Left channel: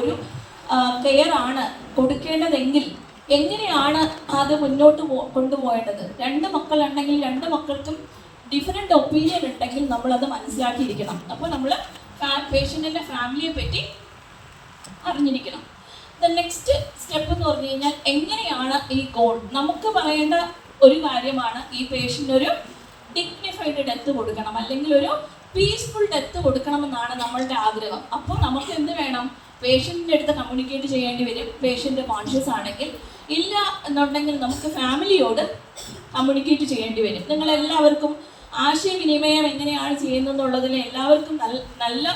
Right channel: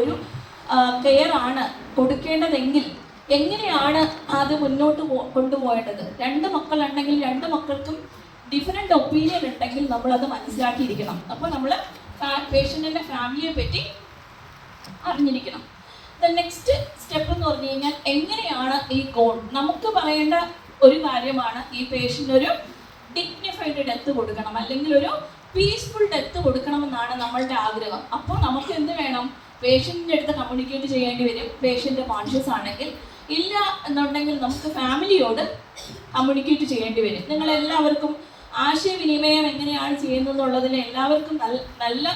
ഒരു കെയർ ആണ് കൊടുക്കേണ്ടതെങ്കിൽ എങ്ങനെയാണ് അത് മുന്നോട്ട് കൊണ്ടുപോകേണ്ടത്? 2 മക്കളുണ്ടെങ്കിൽ 2 മക്കൾക്കും ഡിഫറെൻ്റ് ഒപ്പീനിയൻ ഉണ്ടെങ്കിൽ നമ്മളത് മനസ്സിലാക്കിയിരിക്കണം. അപ്പോൾ നമ്മൾ പേഷ്യൻറ്റിൻ്റെ ഫാമിലിയെ പറ്റി അറിഞ്ഞിരിക്കണം. നെക്സ്റ്റ് സ്റ്റെപ്പ് എന്ന് പറഞ്ഞു കഴിഞ്ഞാൽ എങ്ങനെയാണ് ഈ ഗോൾ നമുക്ക് പറയേണ്ട ഒരു കാര്യമാണ്, ഈ പേഷ്യൻ്റ് ഒരു ഡിഗ്നിഫൈഡ് ഡെത്ത് കൊടുക്കണം, അല്ലെങ്കിൽ ഒരു പീസ്ഫുൾ ഡെത്ത് കൊടുക്കണമെന്നാണ് നമ്മളുടെ ആഗ്രഹം. അപ്പോൾ നമുക്ക് എന്ത് വേണം? പേഷ്യൻറ്റിൻ്റെ അടുത്ത് കമ്മ്യൂണിക്കേറ്റ് ചെയ്യേണ്ടി വരും. പേഷ്യൻ്റ് കോൺഷ്യസ് ആണെങ്കിൽ, ഇല്ല എന്നുണ്ടെങ്കിൽ നമുക്ക് ഫാമിലിയോട് കമ്മ്യൂണിക്കേറ്റ് ചെയ്യേണ്ടി വരും. നിങ്ങളെല്ലാവർക്കും ആശയവിനിമയം എങ്ങനെയാണ് ചെയ്യുന്നതെന്നുള്ളതിൽ എല്ലാവർക്കും നല്ല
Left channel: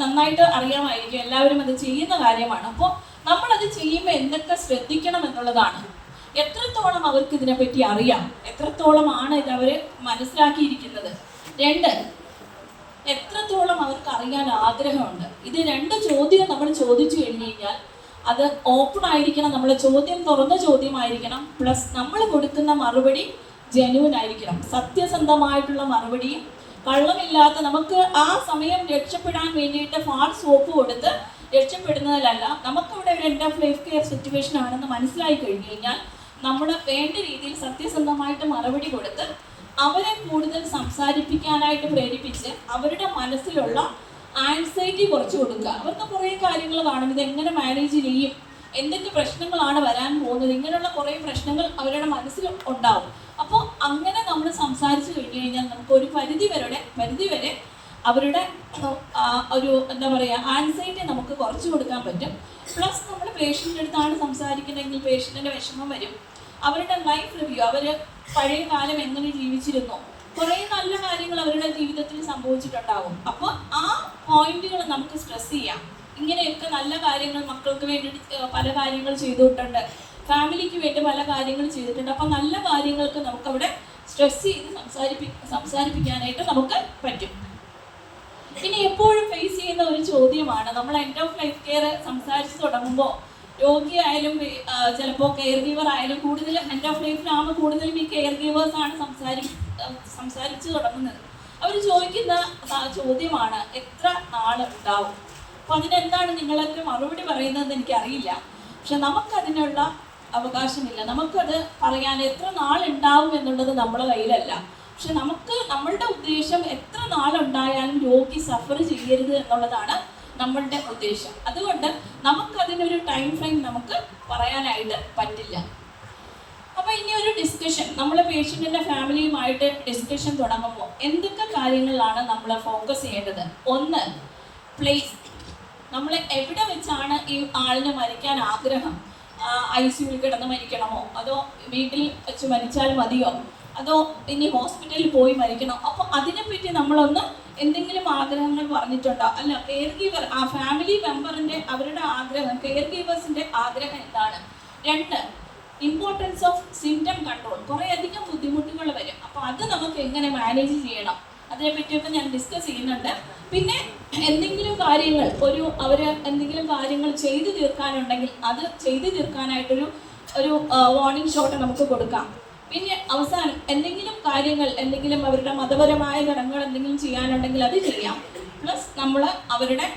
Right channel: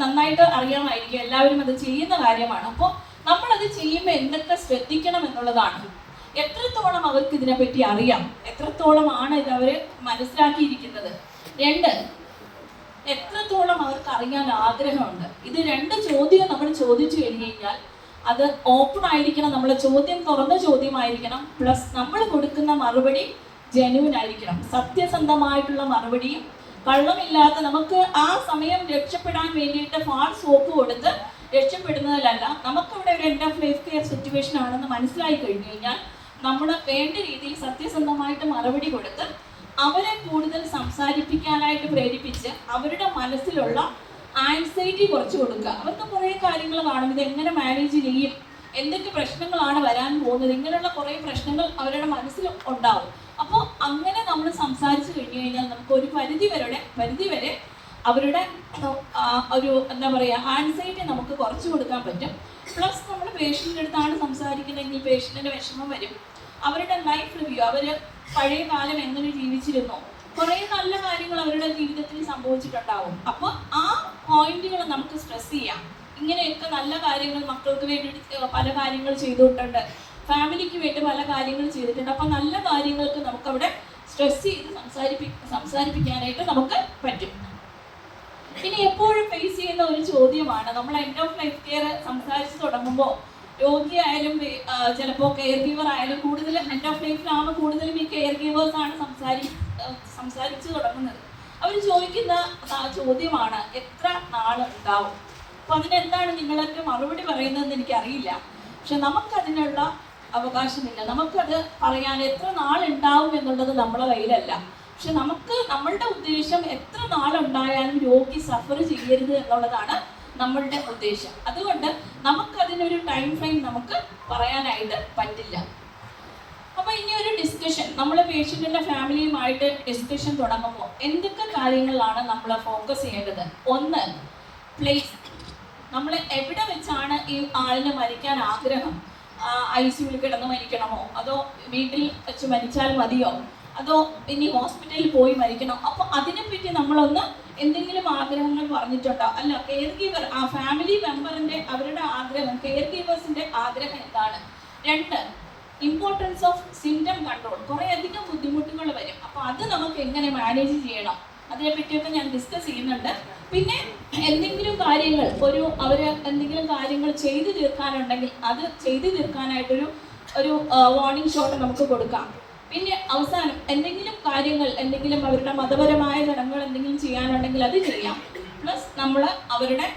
നന്നായിട്ട് അറിയാമായിരിക്കും. എല്ലാവരും അത് ചെയ്യുന്ന കാര്യമാണ്. അപ്പോൾ നമ്മളത് ചെയ്യുമ്പോൾ എന്തൊക്കെ ശ്രദ്ധിക്കണം എന്നുള്ളതാണ്. എത്രത്തോളം അവർക്ക് ഇതിനെപ്പറ്റി അറിയാം, എത്രത്തോളമാണ് ഇത് അവർ മനസ്സിലാക്കിയിരിക്കുന്നത്. 2, എത്രത്തോളം അവർക്ക് അറിയാൻ ആഗ്രഹമുണ്ട്. ഇത് 2 ചോദ്യം നമ്മൾ ചോദിച്ചു കഴിഞ്ഞു കഴിഞ്ഞാൽ അത് ഓപ്പൺ ആയിരിക്കണം, നമ്മുടെ ചോദ്യം തുറന്ന ചോദ്യമായിരിക്കണം. പ്ലസ് നമ്മൾ കൊടുക്കുന്ന മറുപടി ജെന്യൂൻ ആയിരിക്കണം, സത്യസന്ധമായിട്ടുള്ള മറുപടിയും കള്ളമില്ലാത്ത. നമുക്ക് ആ സമയം രക്ഷപ്പെടാൻ വേണ്ടിയിട്ട് ഫാൾസ് ഹോപ്പ് കൊടുത്ത് രക്ഷപ്പെടുന്നതിലല്ല, നമുക്കവിടെ ഒരു end of life care situation ആണെന്ന് മനസ്സിലായി കഴിഞ്ഞു കഴിഞ്ഞാൽ നമ്മൾ വേണ്ട രീതിയിൽ സത്യസന്ധമായിട്ട് മറുപടി കൊടുത്ത് അവരെ കൂടുതൽ സംസാരിപ്പിക്കാനായിട്ട് പ്രേരിപ്പിച്ച് അവരുടെ മനസ്സിലുള്ള ആൻസൈറ്റി കുറച്ച് കൊടുക്കുക. അവർക്ക് കുറേ കാര്യങ്ങൾ കാണും, ഇത് എങ്ങനെ മാനേജ് ചെയ്യും, എന്തൊക്കെ പ്രശ്നങ്ങളാണ് വരാൻ പോകുന്നത്, ഇങ്ങനെയുള്ള കുറേ പ്രശ്നങ്ങൾ അവരുടെ മനസ്സിൽ ഉണ്ടാവും. അപ്പോൾ അങ്ങനെ നമ്മൾ സംസാരിച്ചു കഴിഞ്ഞു കഴിഞ്ഞാൽ നമുക്ക് ഒരു പരിധി വരെ അവരുടെ ഒരു എന്താ പറയുക ആൻസൈറ്റി നമുക്ക് കുറച്ച് കൊടുക്കാൻ പറ്റും. പ്ലസ് നമ്മൾ പേഷ്യൻ്റെ അടുത്താണ് സംസാരിക്കുന്നതെങ്കിൽ പേഷ്യൻറ്റിൻ്റെ വിഷമം വരും. അവരുടെ ലൈഫ് റിവ്യൂ, അവർ പഴയ കാലം എങ്ങനെ ജീവിച്ചിരുന്നു, കുറേ നല്ല കാര്യങ്ങൾ അവരുടെ ജീവിതത്തിൽ സംഭവിച്ചിട്ടുണ്ടാവും. അപ്പോൾ ആ പോയിന്റുകൾ നമുക്ക് സ്ട്രെസ് ചെയ്യാം. ഇങ്ങനെയൊക്കെ നല്ല കാര്യങ്ങൾ മക്കൾക്ക് വേണ്ടി പല കാര്യങ്ങൾ ചെയ്തിട്ടുണ്ട്, ഫാമിലിക്ക് വേണ്ടി പല കാര്യങ്ങൾ ചെയ്തിട്ടുണ്ട്. അപ്പോൾ നല്ല കാര്യങ്ങൾക്ക് നമുക്കവിടെ സ്ട്രെസ് ചെയ്ത് സംസാരിപ്പിക്കാനായിട്ട് നമുക്ക് പറ്റും. ഇനി എപ്പോഴും ഫേസ് ചെയ്യുന്ന ഒരു ചോദ്യമാണ്, നമ്മൾ എൻഡ് ഓഫ് ലൈഫ് കെയർ സംസാരിച്ച് തുടങ്ങുമ്പോൾ രോഗിയായാലും ചിലപ്പോൾ കെയർ ഗീവർ ആയാലും കൂടുതലും എൻഡ് ഓഫ് ലൈഫിലാകുമ്പോൾ കൂടുതലും ഈ കെയർ ഗീവേഴ്സ് ആണ് സംസാരിച്ച് തുടങ്ങുന്നത്. അവർ ചോദിക്കുന്ന ചോദ്യമാണ്, എത്ര നാളുണ്ടാവും? അപ്പോൾ അതിനെന്താണ് നിങ്ങളൊക്കെ മറുപടി പറയുന്നതെന്ന് എനിക്കറിയില്ല. പക്ഷെ നമുക്കതിനുള്ള അവകാശമില്ല. നമുക്കത് പറയാൻ എത്ര നാളുണ്ടാവും എന്നുള്ളത് നമ്മുടെ കയ്യിലല്ല. പക്ഷെ നമ്മളുടെ ഉദ്ദേശം എത്ര നാളുണ്ടായാലും രോഗി സഫർ ചെയ്യരുത് എന്നുള്ളതാണ് നമ്മളുടെ ഉദ്ദേശം. അതുകൊണ്ട് നമുക്കതിനൊരു ടൈം ഫ്രെയിം നമുക്ക് പറയാനായിട്ട് പറ്റില്ല. അപ്പോൾ ഇനി ഒരു ഡിസ്കഷൻ, നമ്മൾ പേഷ്യൻറ്റിൻ്റെ ഫാമിലിയുമായിട്ട് ഡിസ്കഷൻ തുടങ്ങുമ്പോൾ എന്തൊക്കെ കാര്യങ്ങളാണ് നമ്മൾ ഫോക്കസ് ചെയ്യേണ്ടത്? 1, പ്ലേസ്. നമ്മൾ എവിടെ വെച്ചാണ് ഈ ആളിന് മരിക്കാൻ ആഗ്രഹം? ICUവിൽ കിടന്ന് മരിക്കണമോ, അതോ വീട്ടിൽ വെച്ച് മരിച്ചാൽ മതിയോ, അതോ ഇനി ഹോസ്പിറ്റലിൽ പോയി മരിക്കണോ? അപ്പോൾ അതിനെപ്പറ്റി നമ്മളൊന്ന് എന്തെങ്കിലും ആഗ്രഹങ്ങൾ പറഞ്ഞിട്ടുണ്ടോ? അല്ല, കെയർ ഗീവർ ആ ഫാമിലി മെമ്പറിൻ്റെ അവരുടെ ആഗ്രഹം, കെയർ ഗീവേഴ്സിൻ്റെ ആഗ്രഹം എന്താണ്? 2, ഇമ്പോർട്ടൻസ് ഓഫ് സിംറ്റം കൺട്രോൾ. കുറേ അധികം ബുദ്ധിമുട്ടുകൾ വരും. അപ്പോൾ അത് നമുക്ക് എങ്ങനെ മാനേജ് ചെയ്യണം, അതിനെപ്പറ്റിയൊക്കെ ഞാൻ ഡിസ്കസ് ചെയ്യുന്നുണ്ട്. പിന്നെ എന്തെങ്കിലും കാര്യങ്ങൾ അവർ എന്തെങ്കിലും കാര്യങ്ങൾ ചെയ്തു തീർക്കാനുണ്ടെങ്കിൽ അത് ചെയ്തു തീർക്കാനായിട്ടൊരു വാർണിംഗ് ഷോട്ട് നമുക്ക് കൊടുക്കാം. പിന്നെ അവസാനം എന്തെങ്കിലും അവരുടെ മതപരമായ ഘടകങ്ങൾ എന്തെങ്കിലും ചെയ്യാനുണ്ടെങ്കിൽ അത് ചെയ്യാം. പ്ലസ് നമ്മൾ അവരുടെ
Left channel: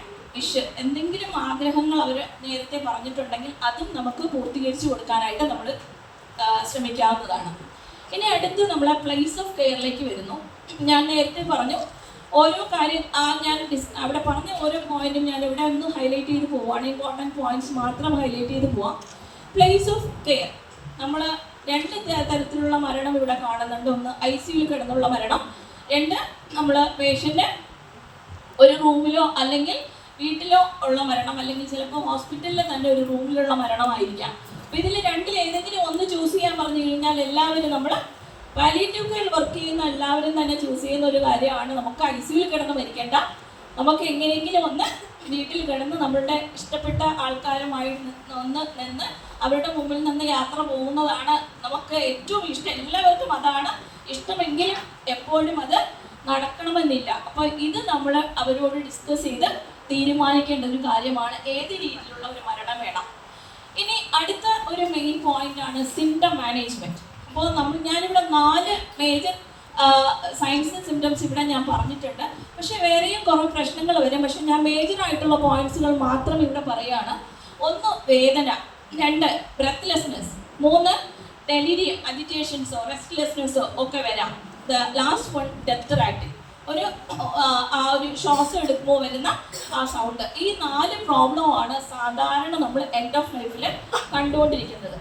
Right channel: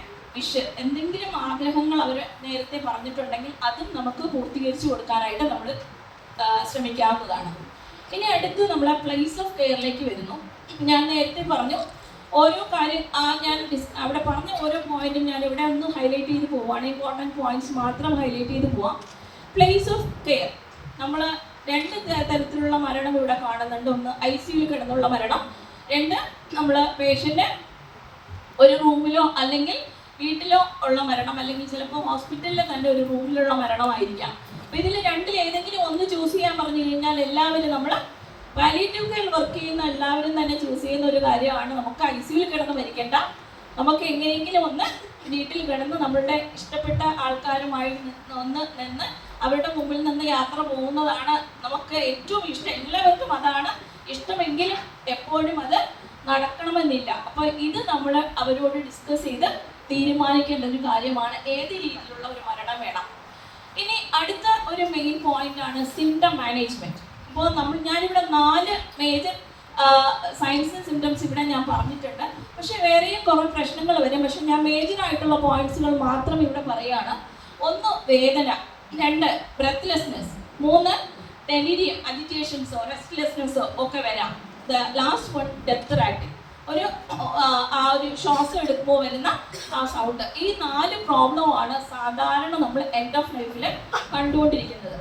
എന്തെങ്കിലും ആഗ്രഹങ്ങൾ അവർ നേരത്തെ പറഞ്ഞിട്ടുണ്ടെങ്കിൽ അതും നമുക്ക് പൂർത്തീകരിച്ചു കൊടുക്കാനായിട്ട് നമ്മൾ ശ്രമിക്കാവുന്നതാണ്. ഇനി അടുത്ത് നമ്മൾ പ്ലേസ് ഓഫ് കെയറിലേക്ക് വരുന്നു. ഞാൻ നേരത്തെ പറഞ്ഞു ഓരോ കാര്യം ഞാൻ അവിടെ പറഞ്ഞ ഓരോ പോയിന്റും ഞാൻ ഇവിടെ ഒന്ന് ഹൈലൈറ്റ് ചെയ്ത് പോവുകയാണ്. ഇമ്പോർട്ടൻറ്റ് പോയിന്റ്സ് മാത്രം ഹൈലൈറ്റ് ചെയ്ത് പോവാം. പ്ലേസ് ഓഫ് കെയർ, നമ്മൾ 2 തരത്തിലുള്ള മരണം ഇവിടെ കാണുന്നുണ്ട്. 1 ICUവിൽ കിടന്നുള്ള മരണം, 2 നമ്മൾ പേഷ്യൻ്റ് ഒരു റൂമിലോ അല്ലെങ്കിൽ വീട്ടിലോ ഉള്ള മരണം, അല്ലെങ്കിൽ ചിലപ്പോൾ ഹോസ്പിറ്റലിലെ തന്നെ ഒരു റൂമിലുള്ള മരണമായിരിക്കാം. അപ്പോൾ ഇതിൽ 2 ഏതെങ്കിലും ഒന്ന് ചൂസ് ചെയ്യാൻ പറഞ്ഞു കഴിഞ്ഞാൽ എല്ലാവരും നമ്മൾ പാലിയേറ്റീവ് കെയർ വർക്ക് ചെയ്യുന്ന എല്ലാവരും തന്നെ ചൂസ് ചെയ്യുന്ന ഒരു കാര്യമാണ്. നമുക്ക് ICUവിൽ കിടന്ന് മരിക്കേണ്ട, നമുക്ക് എങ്ങനെയെങ്കിലും ഒന്ന് വീട്ടിൽ കിടന്ന് നമ്മളുടെ ഇഷ്ടപ്പെട്ട ആൾക്കാരുമായി നിന്ന് അവരുടെ മുമ്പിൽ നിന്ന് യാത്ര പോകുന്നതാണ് നമുക്ക് ഏറ്റവും ഇഷ്ടം. എല്ലാവർക്കും അതാണ് ഇഷ്ടമെങ്കിലും എപ്പോഴും അത് നടക്കണമെന്നില്ല. അപ്പോൾ ഇത് നമ്മൾ അവരോട് ഡിസ്കസ് ചെയ്ത് തീരുമാനിക്കേണ്ട ഒരു കാര്യമാണ്, ഏത് രീതിയിലുള്ള ഒരു മരണം വേണം. ഇനി അടുത്ത ഒരു മെയിൻ പോയിന്റ് ആണ് സിംറ്റം മാനേജ്മെന്റ്. അപ്പോൾ ഞാനിവിടെ 4 മേജർ സയൻസ് സിംറ്റംസ് ഇവിടെ ഞാൻ പറഞ്ഞിട്ടുണ്ട്. പക്ഷെ വേറെയും കുറേ പ്രശ്നങ്ങൾ വരും. പക്ഷെ ഞാൻ മേജർ ആയിട്ടുള്ള പോയിന്റ്സുകൾ മാത്രം ഇവിടെ പറയുകയാണ്. 1 വേദന, 2 ബ്രെത്ത്ലെസ്നെസ്, 3 ഡെലിരിയം, അജിറ്റേഷൻസോ റെസ്റ്റ്ലെസ്നെസ്സോ ഒക്കെ വരാം. ലാസ്റ്റ് വൺ ഡെത്ത് റാറ്റിംഗ്, ഒരു ശ്വാസം എടുക്കുമ്പോൾ വരുന്ന ആ സൗണ്ട്. ഈ 4 പ്രോബ്ലമാണ് സാധാരണ നമ്മൾ എൻഡ് ഓഫ് ലൈഫിൽ കണ്ടുകൊണ്ടിരിക്കുന്നത്.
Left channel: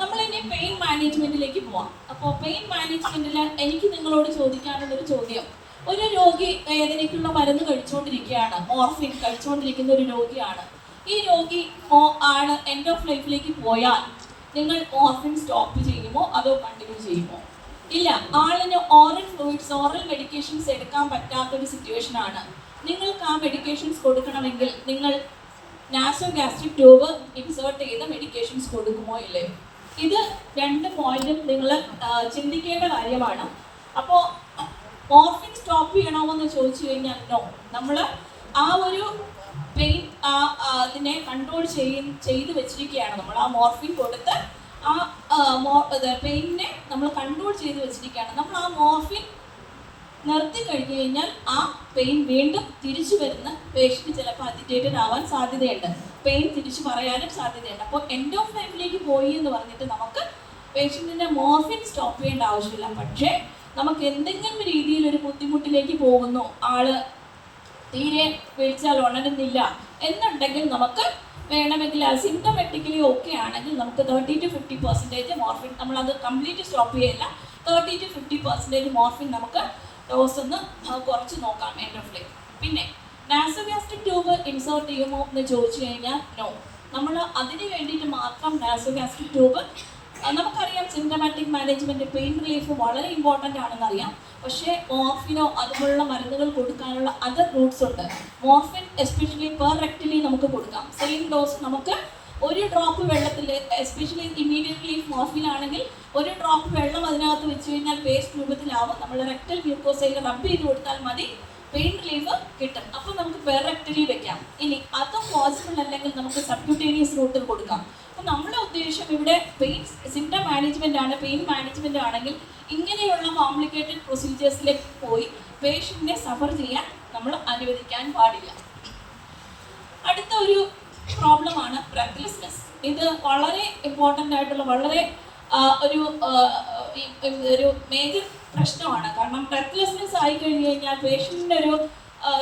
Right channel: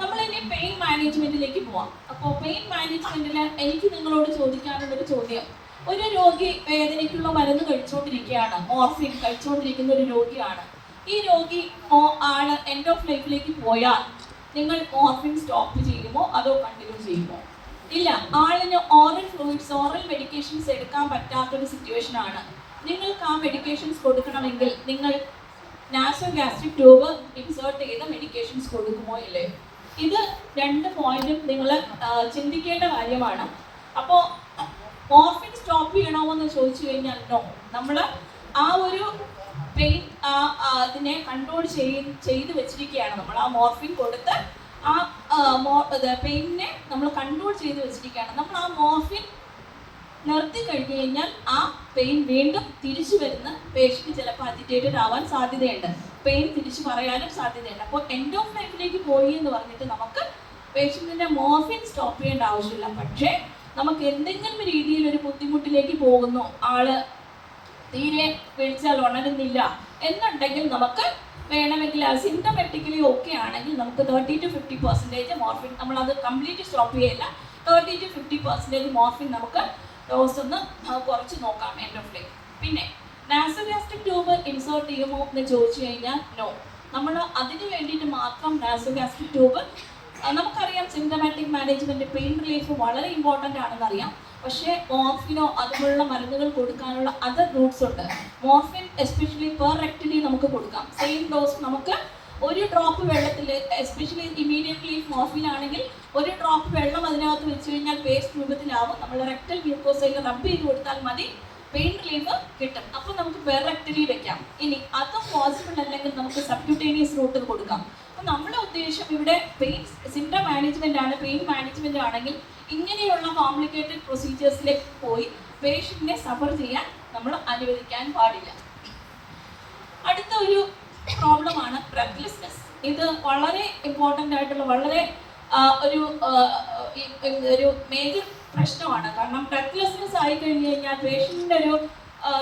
നമ്മൾ ഇനി പെയിൻ മാനേജ്മെന്റിലേക്ക് പോവാം. അപ്പോൾ പെയിൻ മാനേജ്മെന്റിൽ എനിക്ക് നിങ്ങളോട് ചോദിക്കാനുള്ളൊരു ചോദ്യം, ഒരു രോഗി വേദനയ്ക്കുള്ള മരുന്ന് കഴിച്ചുകൊണ്ടിരിക്കുകയാണ്, മോർഫിൻ കഴിച്ചുകൊണ്ടിരിക്കുന്ന ഒരു രോഗിയാണ്. ഈ രോഗി ആണ് എൻഡ് ഓഫ് ലൈഫിലേക്ക് പോയാൽ നിങ്ങൾ മോർഫിൻ സ്റ്റോപ്പ് ചെയ്യുമോ അതോ കണ്ടിന്യൂ ചെയ്യുമോ? ഇല്ല. ആളിന് ഓറൽ ഫ്ലൂയിഡ്സ്, ഓറൽ മെഡിക്കേഷൻസ് എടുക്കാൻ പറ്റാത്തൊരു സിറ്റുവേഷൻ ആണ്. നിങ്ങൾക്ക് ആ മെഡിക്കേഷൻസ് കൊടുക്കണമെങ്കിൽ നിങ്ങൾ നാസൽ ഗാസ്ട്രിക് ട്യൂബ് ഇൻസേർട്ട് ചെയ്ത മെഡിക്കേഷൻസ് കൊടുക്കുമോ ഇല്ലേ? ഇത് 2 പോയിന്റും നിങ്ങൾ ചിന്തിക്കേണ്ട കാര്യമാണ്. അപ്പോൾ മോർഫിൻ സ്റ്റോപ്പ് ചെയ്യണമോ എന്ന് ചോദിച്ചു കഴിഞ്ഞാൽ നോ. നമ്മൾ ആ ഒരു പെയിൻ അതിനെ കൺട്രോൾ ചെയ്ത് വെച്ചിരിക്കുകയാണ്. നമ്മൾ ആ മോർഫിൻ കൊടുത്ത് ആ പെയിനെ നമ്മൾ കൺട്രോൾ ചെയ്ത് വെച്ചിരിക്കുകയാണ്. നമ്മൾ ആ മോർഫിൻ നിർത്തി കഴിഞ്ഞു കഴിഞ്ഞാൽ ആ പെയിൻ വീണ്ടും തിരിച്ചു വരുന്ന പേഷ്യന്റ് ചിലപ്പോൾ അജിറ്റേറ്റഡ് ആവാൻ സാധ്യതയുണ്ട്, പെയിൻ തിരിച്ചു പറയാനും സാധ്യതയുണ്ട്. അപ്പോൾ എൻഡ് ഓഫ് ലൈഫിലേക്ക് പോയി എന്ന് പറഞ്ഞിട്ട് നമുക്ക് പേഷ്യന്റിന്റെ മോർഫിൻ സ്റ്റോപ്പ് ചെയ്യേണ്ട ആവശ്യമില്ല. പക്ഷേ നമുക്ക് എന്തെങ്കിലും രീതിയിൽ ഒരു ബുദ്ധിമുട്ടിലേക്ക് പോകുന്നു, ആള് തീരെ വിളിച്ചാൽ ഉണരുന്നില്ല എന്നുണ്ടെങ്കിൽ നമുക്ക് വേണമെങ്കിൽ സിംറ്റമാറ്റിക്കലി ഓക്കെ ആണെങ്കിൽ നമുക്ക് 30 to 50% മോർഫിൻ, നമ്മളത് കംപ്ലീറ്റ് സ്റ്റോപ്പ് ചെയ്യില്ല, 30 to 50% മോർഫിൻ നമുക്ക് ഡോസ് ഒന്ന് കുറച്ച് നോക്കാം എൻഡ് ഓഫ് ഡേ. പിന്നെ നാസോഗാസ്ട്രിക് ട്യൂബ് ഇൻസേർട്ട് ചെയ്യുമോ എന്ന് ചോദിച്ചു കഴിഞ്ഞാൽ നോ. നമ്മൾ അതിന് വേണ്ടിയിട്ട് മാത്രം നാസോഗാസ്ട്രിക് ട്യൂബ്, നമുക്കറിയാം സിംറ്റമാറ്റിക് മാനേജ്മെന്റ്, പെയിൻ റിലീഫ് വളരെ ഇമ്പോർട്ടൻ്റ് ആണെന്ന് അറിയാം. പക്ഷേ മോർഫിനോ അതുപോലുള്ള മരുന്നുകൾ കൊടുക്കാനുള്ള അതർ റൂട്ട്സ് ഉണ്ട്. മോർഫിൻ എസ്പെഷ്യലി പെർ റെക്ടലി നമുക്ക് കൊടുക്കാം. സെയിം ഡോസ് നമുക്ക് ഒരു ഡ്രോപ്പ് വെള്ളത്തിൽ, എസ്പെഷ്യലി ഇമീഡിയറ്റ്ലി മോർഫിൻ ആണെങ്കിൽ ഒരു ഡ്രോപ്പ് വെള്ളം അതിനകത്ത് വെച്ച് കഴിഞ്ഞാൽ പേസ്റ്റ് രൂപത്തിലാവും. നമ്മൾ റെക്ടൽ മ്യൂക്കോസയിൽ റബ്ബ് ചെയ്ത് കൊടുത്താൽ മതി, പെയിൻ റിലീഫ് കിട്ടും. അപ്പോൾ നമുക്ക് പെർ റെക്ടലി വെക്കാം. ഇനി അത് പോസിബിൾ അല്ലെങ്കിൽ നമുക്ക് സബ്ക്യൂട്ടേനിയസ് റൂട്ട് കൊടുക്കാം. അപ്പോൾ നമ്മുടെ ഉദ്ദേശം ഇവിടെ പെയിൻ സിംറ്റം മാനേജ്മെന്റ് ആണ്. പെയിൻ മാനേജ്മെന്റ് ആണെങ്കിൽ ഇങ്ങനെയുള്ള കോംപ്ലിക്കേറ്റഡ് പ്രൊസീജിയേഴ്സിലേക്ക് പോയി പേഷ്യന്റിനെ സഫർ ചെയ്യാൻ നമ്മൾ അനുവദിക്കാൻ പാടില്ല. അടുത്ത ഒരു പ്രോബ്ലമാണ് ബ്രെത്ത്ലെസ്നെസ്. ഇത് വളരെ ഇമ്പോർട്ടൻ്റ് ആയിട്ടുള്ള വളരെ ഒരു മേജർ പ്രശ്നമാണ്. കാരണം ബ്രെത്ത്ലെസ്നെസ് ആയി കഴിഞ്ഞു കഴിഞ്ഞാൽ പേഷ്യന്റിന്റെ ഒരു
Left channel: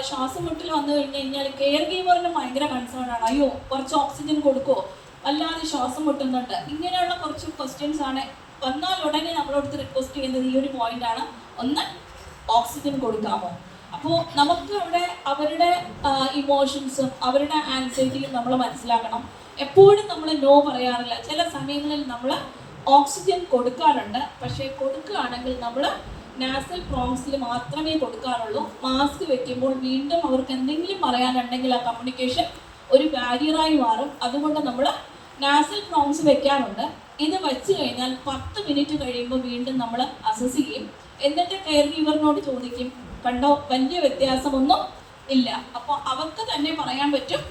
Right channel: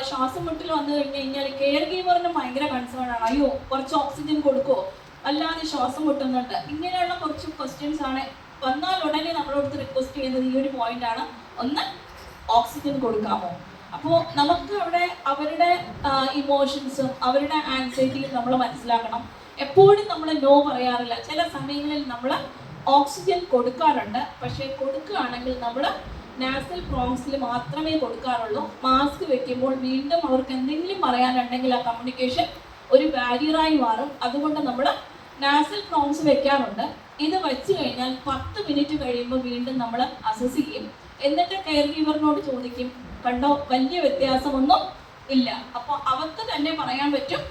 ശ്വാസം മുട്ടൽ വന്നു കഴിഞ്ഞു കഴിഞ്ഞാൽ കെയർ ഗീവറിന് ഭയങ്കര കൺസേൺ ആണ്. അയ്യോ കുറച്ച് ഓക്സിജൻ കൊടുക്കുമോ, അല്ലാതെ ശ്വാസം മുട്ടുന്നുണ്ട്, ഇങ്ങനെയുള്ള കുറച്ച് ക്വസ്റ്റ്യൻസ് ആണ് വന്നാൽ ഉടനെ നമ്മളോട് റിക്വസ്റ്റ് ചെയ്യുന്നത് ഈ ഒരു പോയിന്റ് ആണ്. ഒന്ന്, ഓക്സിജൻ കൊടുക്കാമോ? അപ്പോൾ നമുക്ക് അവിടെ അവരുടെ ഇമോഷൻസും അവരുടെ ആൻസൈറ്റിയും നമ്മൾ മനസ്സിലാക്കണം. എപ്പോഴും നമ്മൾ നോ പറയാറില്ല. ചില സമയങ്ങളിൽ നമ്മൾ ഓക്സിജൻ കൊടുക്കാറുണ്ട്. പക്ഷേ കൊടുക്കുകയാണെങ്കിൽ നമ്മൾ നാസൽ പ്രോംസിൽ മാത്രമേ കൊടുക്കാറുള്ളൂ. മാസ്ക് വെക്കുമ്പോൾ വീണ്ടും അവർക്ക് എന്തെങ്കിലും പറയാനുണ്ടെങ്കിൽ ആ കമ്മ്യൂണിക്കേഷൻ ഒരു ബാരിയറായി മാറും. അതുകൊണ്ട് നമ്മൾ നാസൽ പ്രോംസ് വെക്കാറുണ്ട്. ഇത് വെച്ച് കഴിഞ്ഞാൽ 10 മിനിറ്റ് കഴിയുമ്പോൾ വീണ്ടും നമ്മൾ അസസ് ചെയ്യും. എന്നിട്ട് കെയർ ഗീവറിനോട് ചോദിക്കും, കണ്ടോ വലിയ വ്യത്യാസമൊന്നും ഇല്ല. അപ്പോൾ അവർക്ക് തന്നെ പറയാൻ പറ്റും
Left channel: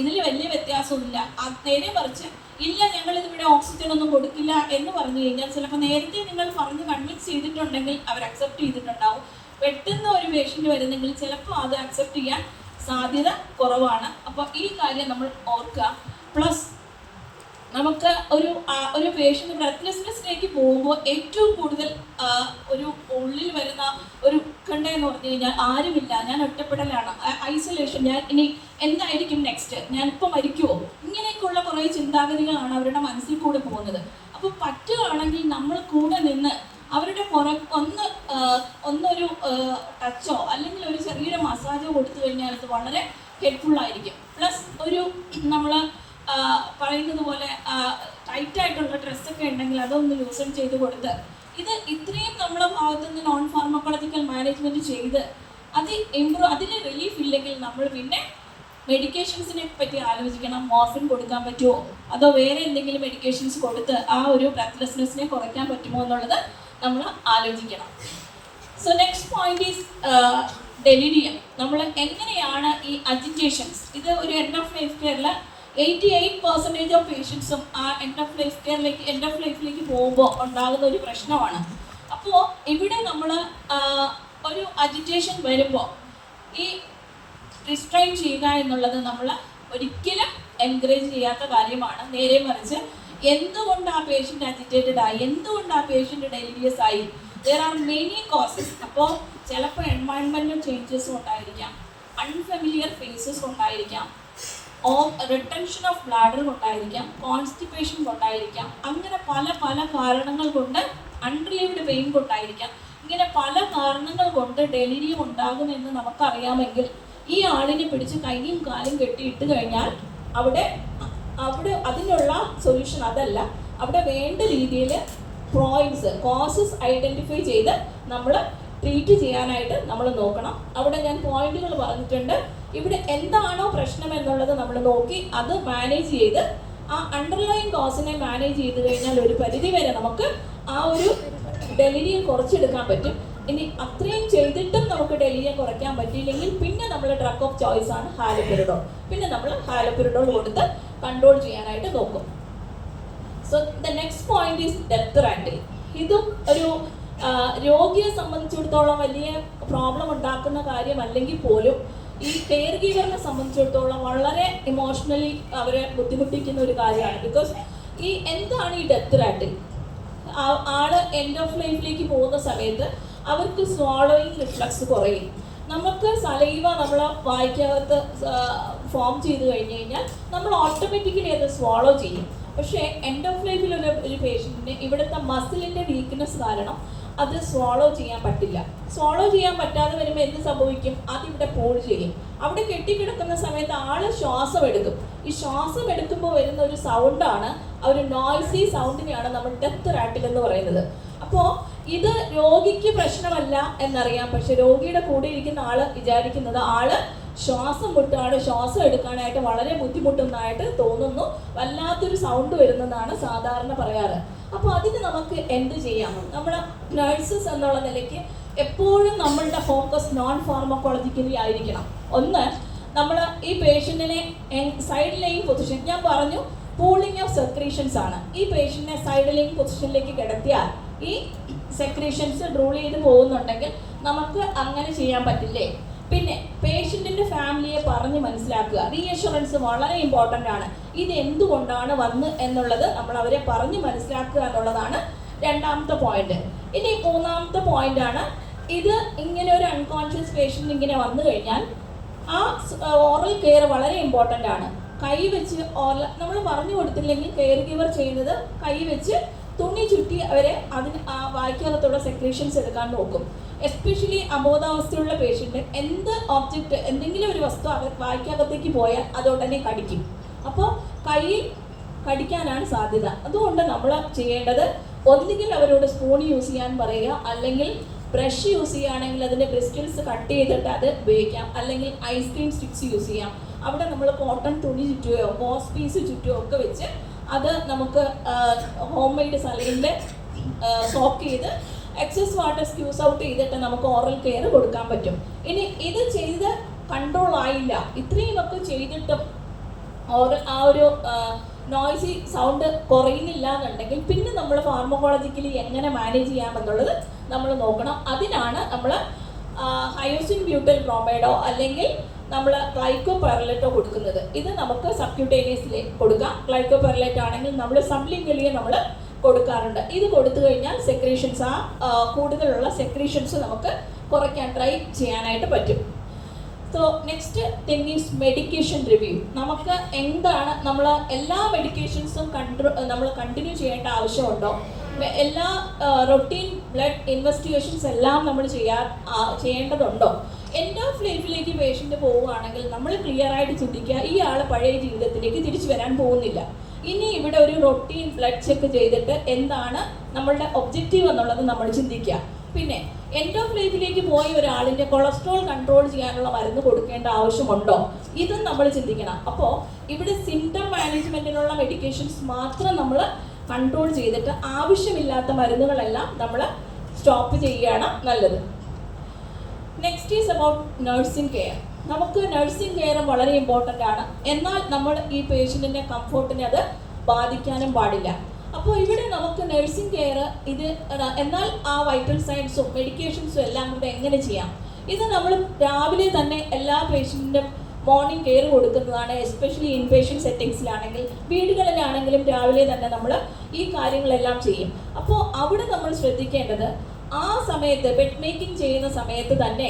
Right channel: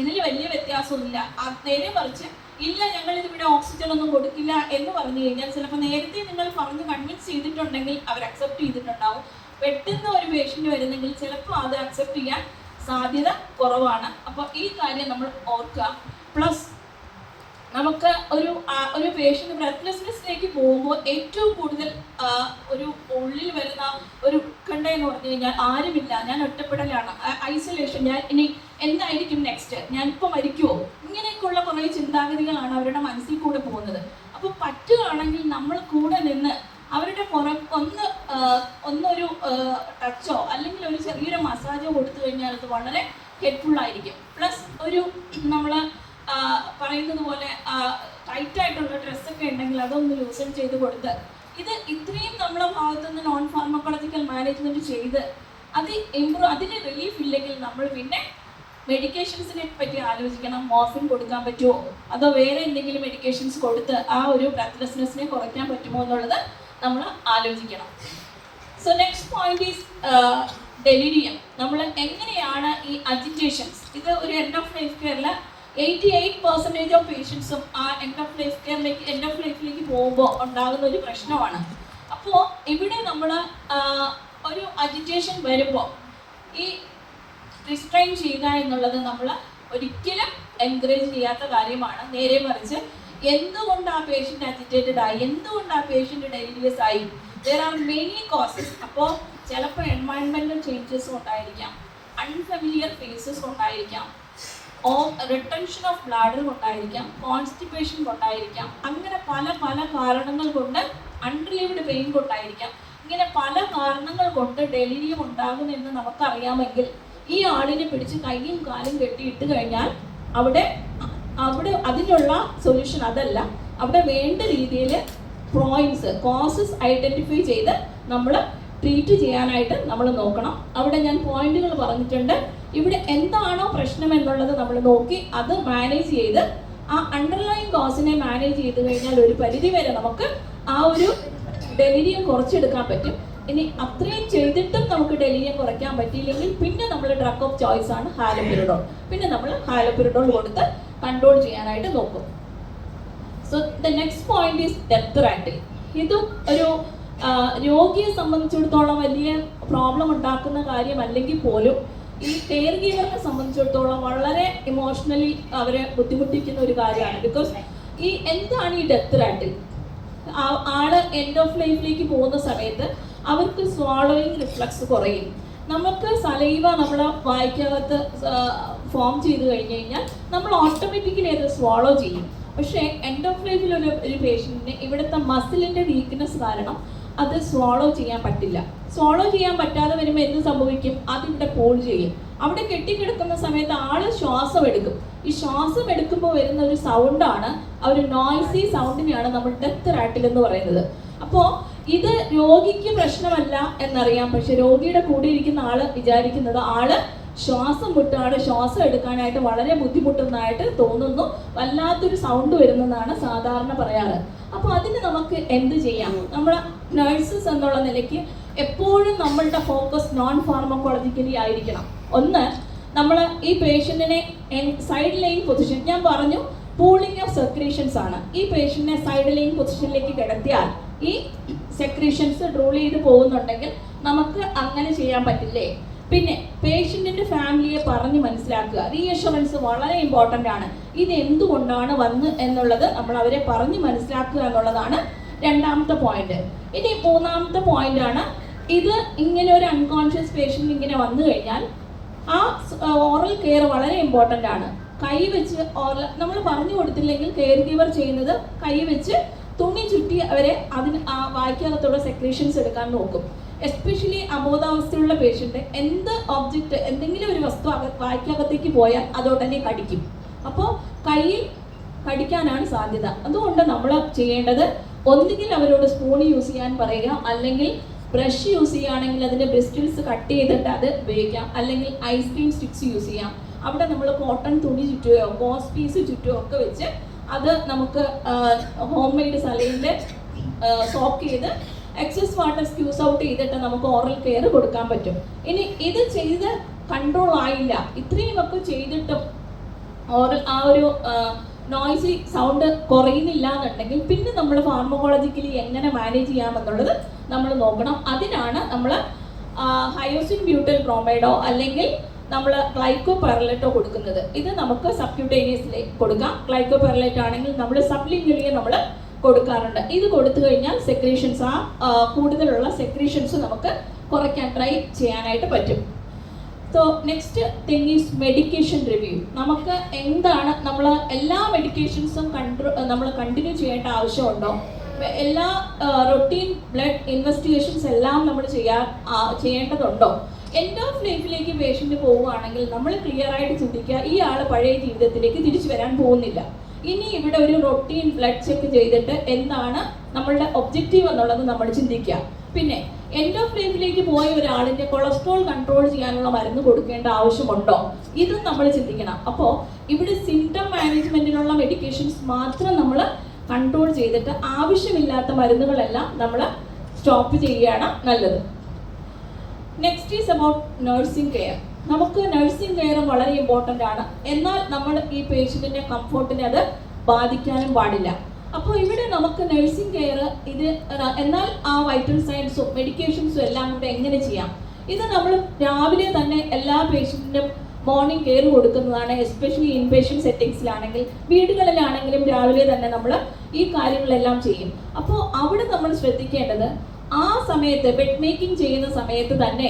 ഇതിൽ വലിയ വ്യത്യാസമൊന്നുമില്ല. നേരെ മറിച്ച് ഇല്ല ഞങ്ങൾ ഇതിവിടെ ഓക്സിജൻ ഒന്നും കൊടുക്കില്ല എന്ന് പറഞ്ഞു കഴിഞ്ഞാൽ ചിലപ്പോൾ നേരത്തെ നിങ്ങൾ പറഞ്ഞ് കൺവിൻസ് ചെയ്തിട്ടുണ്ടെങ്കിൽ അവർ അക്സെപ്റ്റ് ചെയ്തിട്ടുണ്ടാവും. പെട്ടെന്ന് ഒരു പേഷ്യന്റ് വരുന്നെങ്കിൽ ചിലപ്പോൾ അത് അക്സെപ്റ്റ് ചെയ്യാൻ സാധ്യത കുറവാണ്. അപ്പോൾ ഈ കാര്യം നമ്മൾ ഓർക്കുക. പ്ലസ് നമുക്ക് ഒരു പേഷ്യന്റ് ബ്രെത്ത്ലെസ്നെസ്സിലേക്ക് പോകുമ്പോൾ ഏറ്റവും കൂടുതൽ ഒരു ഉള്ളിൽ വരുന്ന ഒരു ഉത്കണ്ഠ എന്ന് പറഞ്ഞു കഴിഞ്ഞാൽ ആരുമില്ല, ഞാൻ ഒറ്റപ്പെടലാണ്, ഐസൊലേഷൻ, ഞാൻ ഇനി എന്തായിരിക്കും നെക്സ്റ്റ്, ഞാനിപ്പോൾ മരിക്കുമോ, ഇങ്ങനെയൊക്കെയുള്ള കുറേ ചിന്താഗതികളാണ് അവരുടെ മനസ്സിൽ കൂടെ പോകുന്നത്. അപ്പോൾ പറ്റുകയാണെങ്കിൽ നമ്മൾ കൂടെ നിന്ന് അവരുടെ ഒന്നൊരു ടച്ചോ അല്ലെങ്കിൽ ഒരു ചെറിയൊരു മസാജോ കൊടുത്തു കഴിഞ്ഞാൽ അത് വളരെ ഹെൽപ്ഫുൾ ആയിരിക്കും. പ്ലസ് ഒരു നമ്മൾ പറയുന്നത് പോലെ ടൈറ്റ് ആയിട്ടുള്ള ഡ്രസ്സൊക്കെ ഉണ്ടെങ്കിൽ അതൊന്ന് ലൂസൺ ചെയ്ത് കൊടുത്ത് ഇത്രയും നമ്മളെ ഭാഗത്തുനിന്ന് നോൺ ഫാർമക്കോളജിക്കൽ മാനേജ്മെന്റ് ചെയ്ത് അതിൽ റിലീഫ് ഇല്ലെങ്കിൽ നമ്മൾ പിന്നെ മെഡിക്കേഷൻസിനെ പറ്റി ആലോചിക്കണം. മോർഫിൻ കൊടുക്കാൻ പറ്റുമോ അതോ വേറെ എന്തെങ്കിലും മെഡിക്കേഷൻസ് കൊടുത്ത് ആ ഒരു ബ്രെത്ത്ലെസ്നെസ്സിനെ കുറയ്ക്കാൻ പറ്റുമോ എന്നുള്ളത് നമ്മൾ ആലോചിക്കണം. So next point is ഡെലിരിയം. നമ്മൾ എങ്ങനെയാണ് ഈ അജിറ്റേഷൻസ്, ഇത് ഒരു എൻഡ് ഓഫ് ലൈഫ് കെയറിൽ 88% ഓഫ് പേഷ്യൻസും ആ എൻഡ് ഓഫ് ലൈഫിലേക്ക് പോകുമ്പോൾ ഉണ്ടാകുന്ന ഒരു പ്രശ്നമാണ്. അപ്പോൾ ഇവിടെ നമ്മൾ ഒരു അജിറ്റേഷൻ വരുമ്പോൾ ഈ റിസ്ട്രെയിൻ ചെയ്യുക എന്നുള്ളത് നമ്മൾ ഒരിക്കലും എൻകറേജ് ചെയ്യാത്ത കാര്യമാണ്. നേരെ മറിച്ച് എന്തുകൊണ്ട് ആ പേഷ്യൻ്റ് അജിറ്റേറ്റഡ് ആയി, എന്തുകൊണ്ട് ആ പേഷ്യൻ്റ് ഡെലിരിയസ് ആയി, ദർ ആർ മെനി കോസസ്. അപ്പോൾ ചിലപ്പോൾ എൻവയൺമെൻറ്റൽ ചേഞ്ചസ് ഉണ്ടായിരിക്കാം, അൺഫെമിലിയർ ഫേസസ് ഉണ്ടായിരിക്കാം, റിട്ടൻഷൻ ഓഫ് ബ്ലാഡർ കൊണ്ടായിരിക്കാം, കോൺസ്റ്റിപ്പേഷൻ കൊണ്ടായിരിക്കാം, അങ്ങനെ പല പല കാരണങ്ങൾ കൊണ്ട്, അൺറിലീവ്ഡ് പെയിൻ കൊണ്ടായിരിക്കാം, ഇങ്ങനെ പല കാരണങ്ങൾ കൊണ്ട് ഡെലിരിയം ഉണ്ടാകുമെന്ന് നമുക്കറിയാമെങ്കിൽ ഈ ആളിനെ പിടിച്ച് കൈയും കാലും കെട്ടിയിട്ട് കഴിഞ്ഞാൽ അവിടെ അതിനുള്ള സൊല്യൂഷൻ അതല്ല. അവിടെ വേണ്ട രീതിയിൽ കോസസ് ഐഡന്റിഫൈ ചെയ്ത് നമ്മൾ ട്രീറ്റ് ചെയ്യാനായിട്ട് നമ്മൾ നോക്കണം. അവിടെ ഞാൻ പോയിന്റുകൾ പറഞ്ഞിട്ടുണ്ട്. ഇവിടെ എന്താണോ പ്രശ്നം എന്നുള്ളത് നമ്മൾ നോക്കി അത് മാനേജ് ചെയ്ത് ആ അണ്ടർലൈൻ കോസിനെ മാനേജ് ചെയ്ത് കഴിഞ്ഞാൽ ഒരു പരിധി വരെ നമുക്ക് ആ ഒരു ഡെലിരിയം കുറച്ചെടുക്കാൻ പറ്റും. ഇനി അത്രയും ചെയ്തിട്ടും നമുക്ക് ഡെലിരിയം കുറയ്ക്കാൻ പറ്റിയില്ലെങ്കിൽ പിന്നെ നമ്മൾ ഡ്രഗ് ഓഫ് ചോയ്സ് ആണ് ഹാലോപെരിഡോൾ. പിന്നെ നമ്മൾ ഹാലോപെരിഡോൾ കൊടുത്ത് കൺട്രോൾ ചെയ്യാനായിട്ട് നോക്കും. So the next point is ഡെപ്ത് റാറ്റിൽ. ഇതും ഒരു രോഗിയെ സംബന്ധിച്ചിടത്തോളം വലിയ പ്രോബ്ലം ഉണ്ടാക്കുന്ന കാര്യമല്ലെങ്കിൽ പോലും ഈ കെയർ ഗീവറിനെ സംബന്ധിച്ചിടത്തോളം വളരെ ഇമോഷണലി അവരെ ബുദ്ധിമുട്ടിക്കുന്ന ഒരു കാര്യമാണ്. ബിക്കോസ് എന്താണ് ഈ ഡെപ്ത് റാറ്റിൽ? ആള് എൻഡ് ഓഫ് ലൈഫിലേക്ക് പോകുന്ന സമയത്ത് അവർക്ക് സ്വാളോയിങ് റിഫ്ലക്സ് കുറയും. നമുക്ക് സലൈവ നമ്മളെ വായ്ക്കകത്ത് ഫോം ചെയ്ത് കഴിഞ്ഞ് കഴിഞ്ഞാൽ നമ്മൾ ഓട്ടോമാറ്റിക്കലി അത് സ്വാളോ ചെയ്യും. പക്ഷേ എൻഡ് ഓഫ് ലൈഫിൽ ഒരു പേഷ്യൻറ്റിന് ഇവിടുത്തെ മസിലിൻ്റെ വീക്ക്നെസ് കാരണം അത് സ്വാളോ ചെയ്യാൻ പറ്റില്ല. സ്വാളോ ചെയ്യാൻ പറ്റാതെ വരുമ്പോൾ എന്ത് സംഭവിക്കും? അതിവിടെ പോൾ ചെയ്യും. അവിടെ കെട്ടിക്കിടക്കുന്ന സമയത്ത് ആള് ശ്വാസം എടുക്കും. ഈ ശ്വാസം എടുക്കുമ്പോൾ വരുന്ന ഒരു സൗണ്ടാണ്, ആ ഒരു നോയ്സി സൗണ്ടിനെയാണ് നമ്മൾ ഡെത്ത് റാറ്റിൽ എന്ന് പറയുന്നത്. അപ്പോൾ ഇത് രോഗിക്ക് പ്രശ്നമല്ല എന്നറിയാം, പക്ഷെ രോഗിയുടെ കൂടെ ഇരിക്കുന്ന ആള് വിചാരിക്കുന്നത് ആള് ശ്വാസം മുട്ടാണ്, ശ്വാസം എടുക്കാനായിട്ട് വളരെ ബുദ്ധിമുട്ടുന്നതായിട്ട് തോന്നുന്നു, വല്ലാത്തൊരു സൗണ്ട് വരുന്നതാണ് സാധാരണ പറയാറ്. അപ്പോൾ അതിന് നമുക്ക് എന്ത് ചെയ്യാം? നമ്മളെ നഴ്സസ് എന്നുള്ള നിലയ്ക്ക് എപ്പോഴും നമ്മളുടെ ഫോക്കസ് നോൺ ഫാർമക്കോളജിക്കലി ആയിരിക്കണം. ഒന്ന്, നമ്മൾ ഈ പേഷ്യൻറ്റിനെ സൈഡ് ലൈൻ പൊസിഷൻ, ഞാൻ പറഞ്ഞു പൂളിംഗ് ഓഫ് സെക്രീഷൻസ് ആണ്. ഈ പേഷ്യൻറ്റിനെ സൈഡ് ലൈൻ പൊസിഷനിലേക്ക് കിടത്തിയാൽ ഈ സെക്രീഷൻസ് റൂൾ ചെയ്ത് പോകുന്നുണ്ടെങ്കിൽ നമുക്ക് അങ്ങനെ ചെയ്യാൻ പറ്റില്ലേ? പിന്നെ പേഷ്യൻറ്റിൻ്റെ ഫാമിലിയെ പറഞ്ഞ് മനസ്സിലാക്കുക. റീഅഷുറൻസ് വളരെ ഇമ്പോർട്ടൻ്റ് ആണ്. ഇത് എന്തുകൊണ്ടാണ് വന്ന് എന്നുള്ളത് നമ്മൾ അവരെ പറഞ്ഞ് മനസ്സിലാക്കുക എന്നുള്ളതാണ് രണ്ടാമത്തെ പോയിന്റ്. ഇനി മൂന്നാമത്തെ പോയിന്റ് ആണ്, ഇത് ഇങ്ങനെ ഒരു അൺകോൺഷ്യസ് പേഷ്യൻ്റ് ഇങ്ങനെ വന്നു കഴിഞ്ഞാൽ ആ ഓറൽ കെയർ വളരെ ഇമ്പോർട്ടൻ്റ് ആണ്. കൈ വെച്ച് നമ്മൾ പറഞ്ഞു കൊടുത്തില്ലെങ്കിൽ കെയർ ഗിവർ ചെയ്യുന്നത് കൈ വെച്ച് തുണി ചുറ്റി അവരെ അതിന് ആ വായ്ക്കകത്തുള്ള സെക്രീഷൻസ് എടുക്കാൻ നോക്കും. എസ്പെഷ്യലി അബോധാവസ്ഥയുള്ള പേഷ്യൻ്റ് എന്തെങ്കിലും ഒരു വസ്തു വായ്ക്കകത്തേക്ക് പോയാൽ അതുടനെ കടിക്കും. അപ്പോൾ കയ്യിൽ കടിക്കാനാണ് സാധ്യത. അതുകൊണ്ട് നമ്മൾ ചെയ്യേണ്ടത് ഒന്നുകിൽ അവരോട് സ്പൂൺ യൂസ് ചെയ്യാൻ പറയുക, അല്ലെങ്കിൽ ബ്രഷ് യൂസ് ചെയ്യുകയാണെങ്കിൽ അതിൻ്റെ ബ്രിസ്റ്റിൽസ് കട്ട് ചെയ്തിട്ട് അത് ഉപയോഗിക്കാം, അല്ലെങ്കിൽ ഐസ്ക്രീം സ്റ്റിക്സ് യൂസ് ചെയ്യാം. അവിടെ നമ്മൾ കോട്ടൺ തുണി ചുറ്റുകയോ ഗോസ് പീസ് ചുറ്റുകയോ ഒക്കെ വെച്ച് അത് നമുക്ക് ഹോം മെയ്ഡ് സലൈനിൽ സോക്ക് ചെയ്ത് എക്സസ് വാട്ടർ സ്ക്യൂസ് ഔട്ട് ചെയ്തിട്ട് നമുക്ക് ഓറൽ കെയർ കൊടുക്കാൻ പറ്റും. ഇനി ഇത് ചെയ്ത് കൺട്രോൾ ആയില്ല, ഇത്രയും ഒക്കെ ചെയ്തിട്ടും ആ ഒരു നോയ്സി സൗണ്ട് കുറയുന്നില്ല എന്നുണ്ടെങ്കിൽ പിന്നെ നമ്മൾ ഫാർമക്കോളജിക്കലി എങ്ങനെ മാനേജ് ചെയ്യാമെന്നുള്ളത് നമ്മൾ നോക്കണം. അതിനാണ് നമ്മൾ ഹയോസിൻ ബ്യൂട്ടൽ ബ്രോമൈഡോ അല്ലെങ്കിൽ നമ്മൾ ഗ്ലൈക്കോപെർലേറ്റോ കൊടുക്കുന്നത്. ഇത് നമുക്ക് സബ്ക്യൂട്ടേനിയസിൽ കൊടുക്കാം. ഗ്ലൈക്കോപെർലേറ്റ് ആണെങ്കിൽ നമ്മൾ സബ്ലിംഗ്വലി നമ്മൾ കൊടുക്കാറുണ്ട്. ഇത് കൊടുത്തു കഴിഞ്ഞാൽ സെക്രീഷൻസ് കൂടുതലുള്ള സെക്രീഷൻസ് നമുക്ക് കുറയ്ക്കാൻ ട്രൈ ചെയ്യാനായിട്ട് പറ്റും. So next thing is medication review. നമുക്ക് എന്താണ് നമ്മൾ എല്ലാ മെഡിക്കേഷൻസും നമ്മൾ കണ്ടിന്യൂ ചെയ്യേണ്ട ആവശ്യമുണ്ടോ? എല്ലാ റൊട്ടീൻ ബ്ലഡ് ഇൻവെസ്റ്റിഗേഷൻസ് എല്ലാം നമ്മൾ ചെയ്യേണ്ടതുണ്ടോ? എൻഡ് ഓഫ് ലൈഫിലേക്ക് പേഷ്യൻ്റ് പോവുകയാണെങ്കിൽ നമ്മൾ ക്ലിയർ ആയിട്ട് ചിന്തിക്കുക, ഈ ആൾ പഴയ ജീവിതത്തിലേക്ക് തിരിച്ചു വരാൻ പോകുന്നില്ല. ഇനി ഇവിടെ ഒരു റൊട്ടീൻ ബ്ലഡ് ചെക്ക് ചെയ്തിട്ട് എന്താണ് നമ്മളുടെ ഒബ്ജക്റ്റീവ് എന്നുള്ളത് നമ്മൾ ചിന്തിക്കുക. പിന്നെ എൻഡ് ഓഫ് ലൈഫിലേക്ക് പോയ ഒരാളിൻ്റെ കൊളസ്ട്രോൾ കൺട്രോൾ ചെയ്യാനുള്ള മരുന്ന് കൊടുക്കേണ്ട ആവശ്യമുണ്ടോ? ഇതും നമ്മൾ ചിന്തിക്കണം. അപ്പോൾ ഇവിടെ സിംറ്റം മാനേജ്മെൻറ്റിനുള്ള മെഡിക്കേഷൻസ് മാത്രം നമ്മൾ കൺട്രോൾ ചെയ്തിട്ട് ആവശ്യമില്ലാത്ത മരുന്നുകളെല്ലാം നമ്മൾ സ്റ്റോപ്പ് ചെയ്യുകയാണ് നല്ലത്. Next is about nursing care. നമുക്ക് നഴ്സിംഗ് കെയർ വളരെ ഇമ്പോർട്ടൻ്റ് ആണ്. എന്നാൽ നമ്മൾ ഈ പേഷ്യൻറ്റിൻ്റെ കംഫോർട്ടിനെ അത് ബാധിക്കാനും പാടില്ല. അപ്പോൾ ഇവിടെ നമുക്ക് നഴ്സിംഗ് കെയർ എന്നാൽ ആ വൈറ്റൽ സയൻസും മെഡിക്കേഷൻസും എല്ലാം കൂടെ എങ്ങനെ ചെയ്യാം? ഇത് നമ്മൾ രാവിലെ തന്നെ എല്ലാ പേഷ്യൻറ്റിനും മോർണിംഗ് കെയർ കൊടുക്കുന്നതാണ്. എസ്പെഷ്യലി ഇൻപേഷ്യൻ്റ് സെറ്റിങ്സിലാണെങ്കിൽ, വീടുകളിലാണെങ്കിലും രാവിലെ തന്നെ നമ്മൾ ഈ കാര്യങ്ങളെല്ലാം ചെയ്യും. അപ്പോൾ അവിടെ നമ്മൾ ശ്രദ്ധിക്കേണ്ടത്, ആ സമയത്ത് ബെഡ് മേക്കിംഗ് ചെയ്യുന്ന സമയത്ത് തന്നെ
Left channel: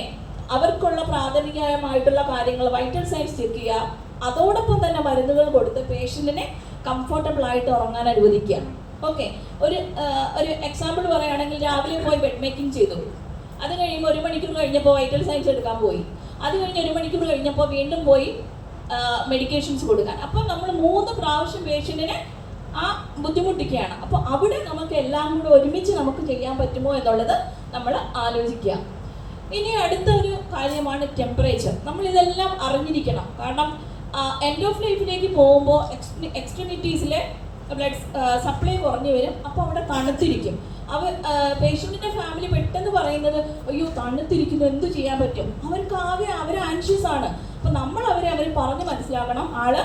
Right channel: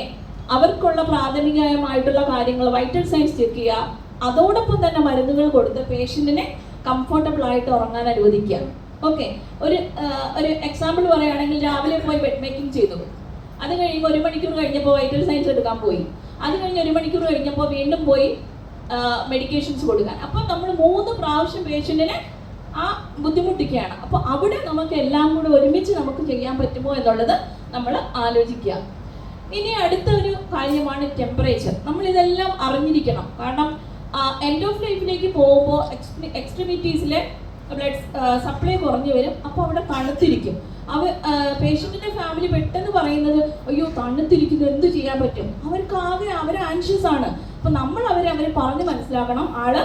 അവർക്കുള്ള പ്രാഥമികമായിട്ടുള്ള കാര്യങ്ങൾ, വൈറ്റൽ സൈൻസ് ചെക്ക് ചെയ്യുക, അതോടൊപ്പം തന്നെ മരുന്നുകൾ കൊടുത്ത് പേഷ്യൻറ്റിനെ കംഫർട്ടബിൾ ആയിട്ട് ഉറങ്ങാൻ അനുവദിക്കുക. ഓക്കെ, ഒരു എക്സാമ്പിൾ പറയുകയാണെങ്കിൽ, രാവിലെ പോയി ബെഡ് മേക്കിംഗ് ചെയ്തു, അത് കഴിയുമ്പോൾ 1 മണിക്കൂർ കഴിഞ്ഞപ്പോൾ വൈറ്റൽ സൈൻസ് എടുക്കാൻ പോയി, അത് കഴിഞ്ഞ് 1 മണിക്കൂർ കഴിഞ്ഞപ്പോൾ വീണ്ടും പോയി മെഡിക്കേഷൻസ് കൊടുക്കാൻ. അപ്പോൾ നമ്മൾ 3 പ്രാവശ്യം പേഷ്യൻറ്റിനെ ആ ബുദ്ധിമുട്ടിക്കുകയാണ്. അപ്പോൾ അവിടെ നമുക്ക് എല്ലാം കൂടെ ഒരുമിച്ച് നമുക്ക് ചെയ്യാൻ പറ്റുമോ എന്നുള്ളത് നമ്മൾ ആലോചിക്കുക. ഇനി അടുത്ത ഒരു കാര്യമാണ് ടെമ്പറേച്ചർ. നമ്മൾ ഇതെല്ലാം അറിഞ്ഞിരിക്കണം. കാരണം എൻഡ് ഓഫ് ലൈഫിലേക്ക് പോകുമ്പോൾ എക്സ്ട്രിമിറ്റീസിലെ ബ്ലഡ് സപ്ലൈ കുറഞ്ഞു വരും. അപ്പോൾ അവിടെ തണുത്തിരിക്കും. പേഷ്യൻറ്റിൻ്റെ ഫാമിലി പെട്ടെന്ന് പറയുന്നത്, അയ്യോ തണുത്തിരിക്കുന്നു, എന്ത് ചെയ്യാൻ പറ്റും? അവർ ആൻഷ്യസ് ആണ്. അപ്പോൾ നമ്മൾ അവരെ പറഞ്ഞ് മനസ്സിലാക്കണം, ആള്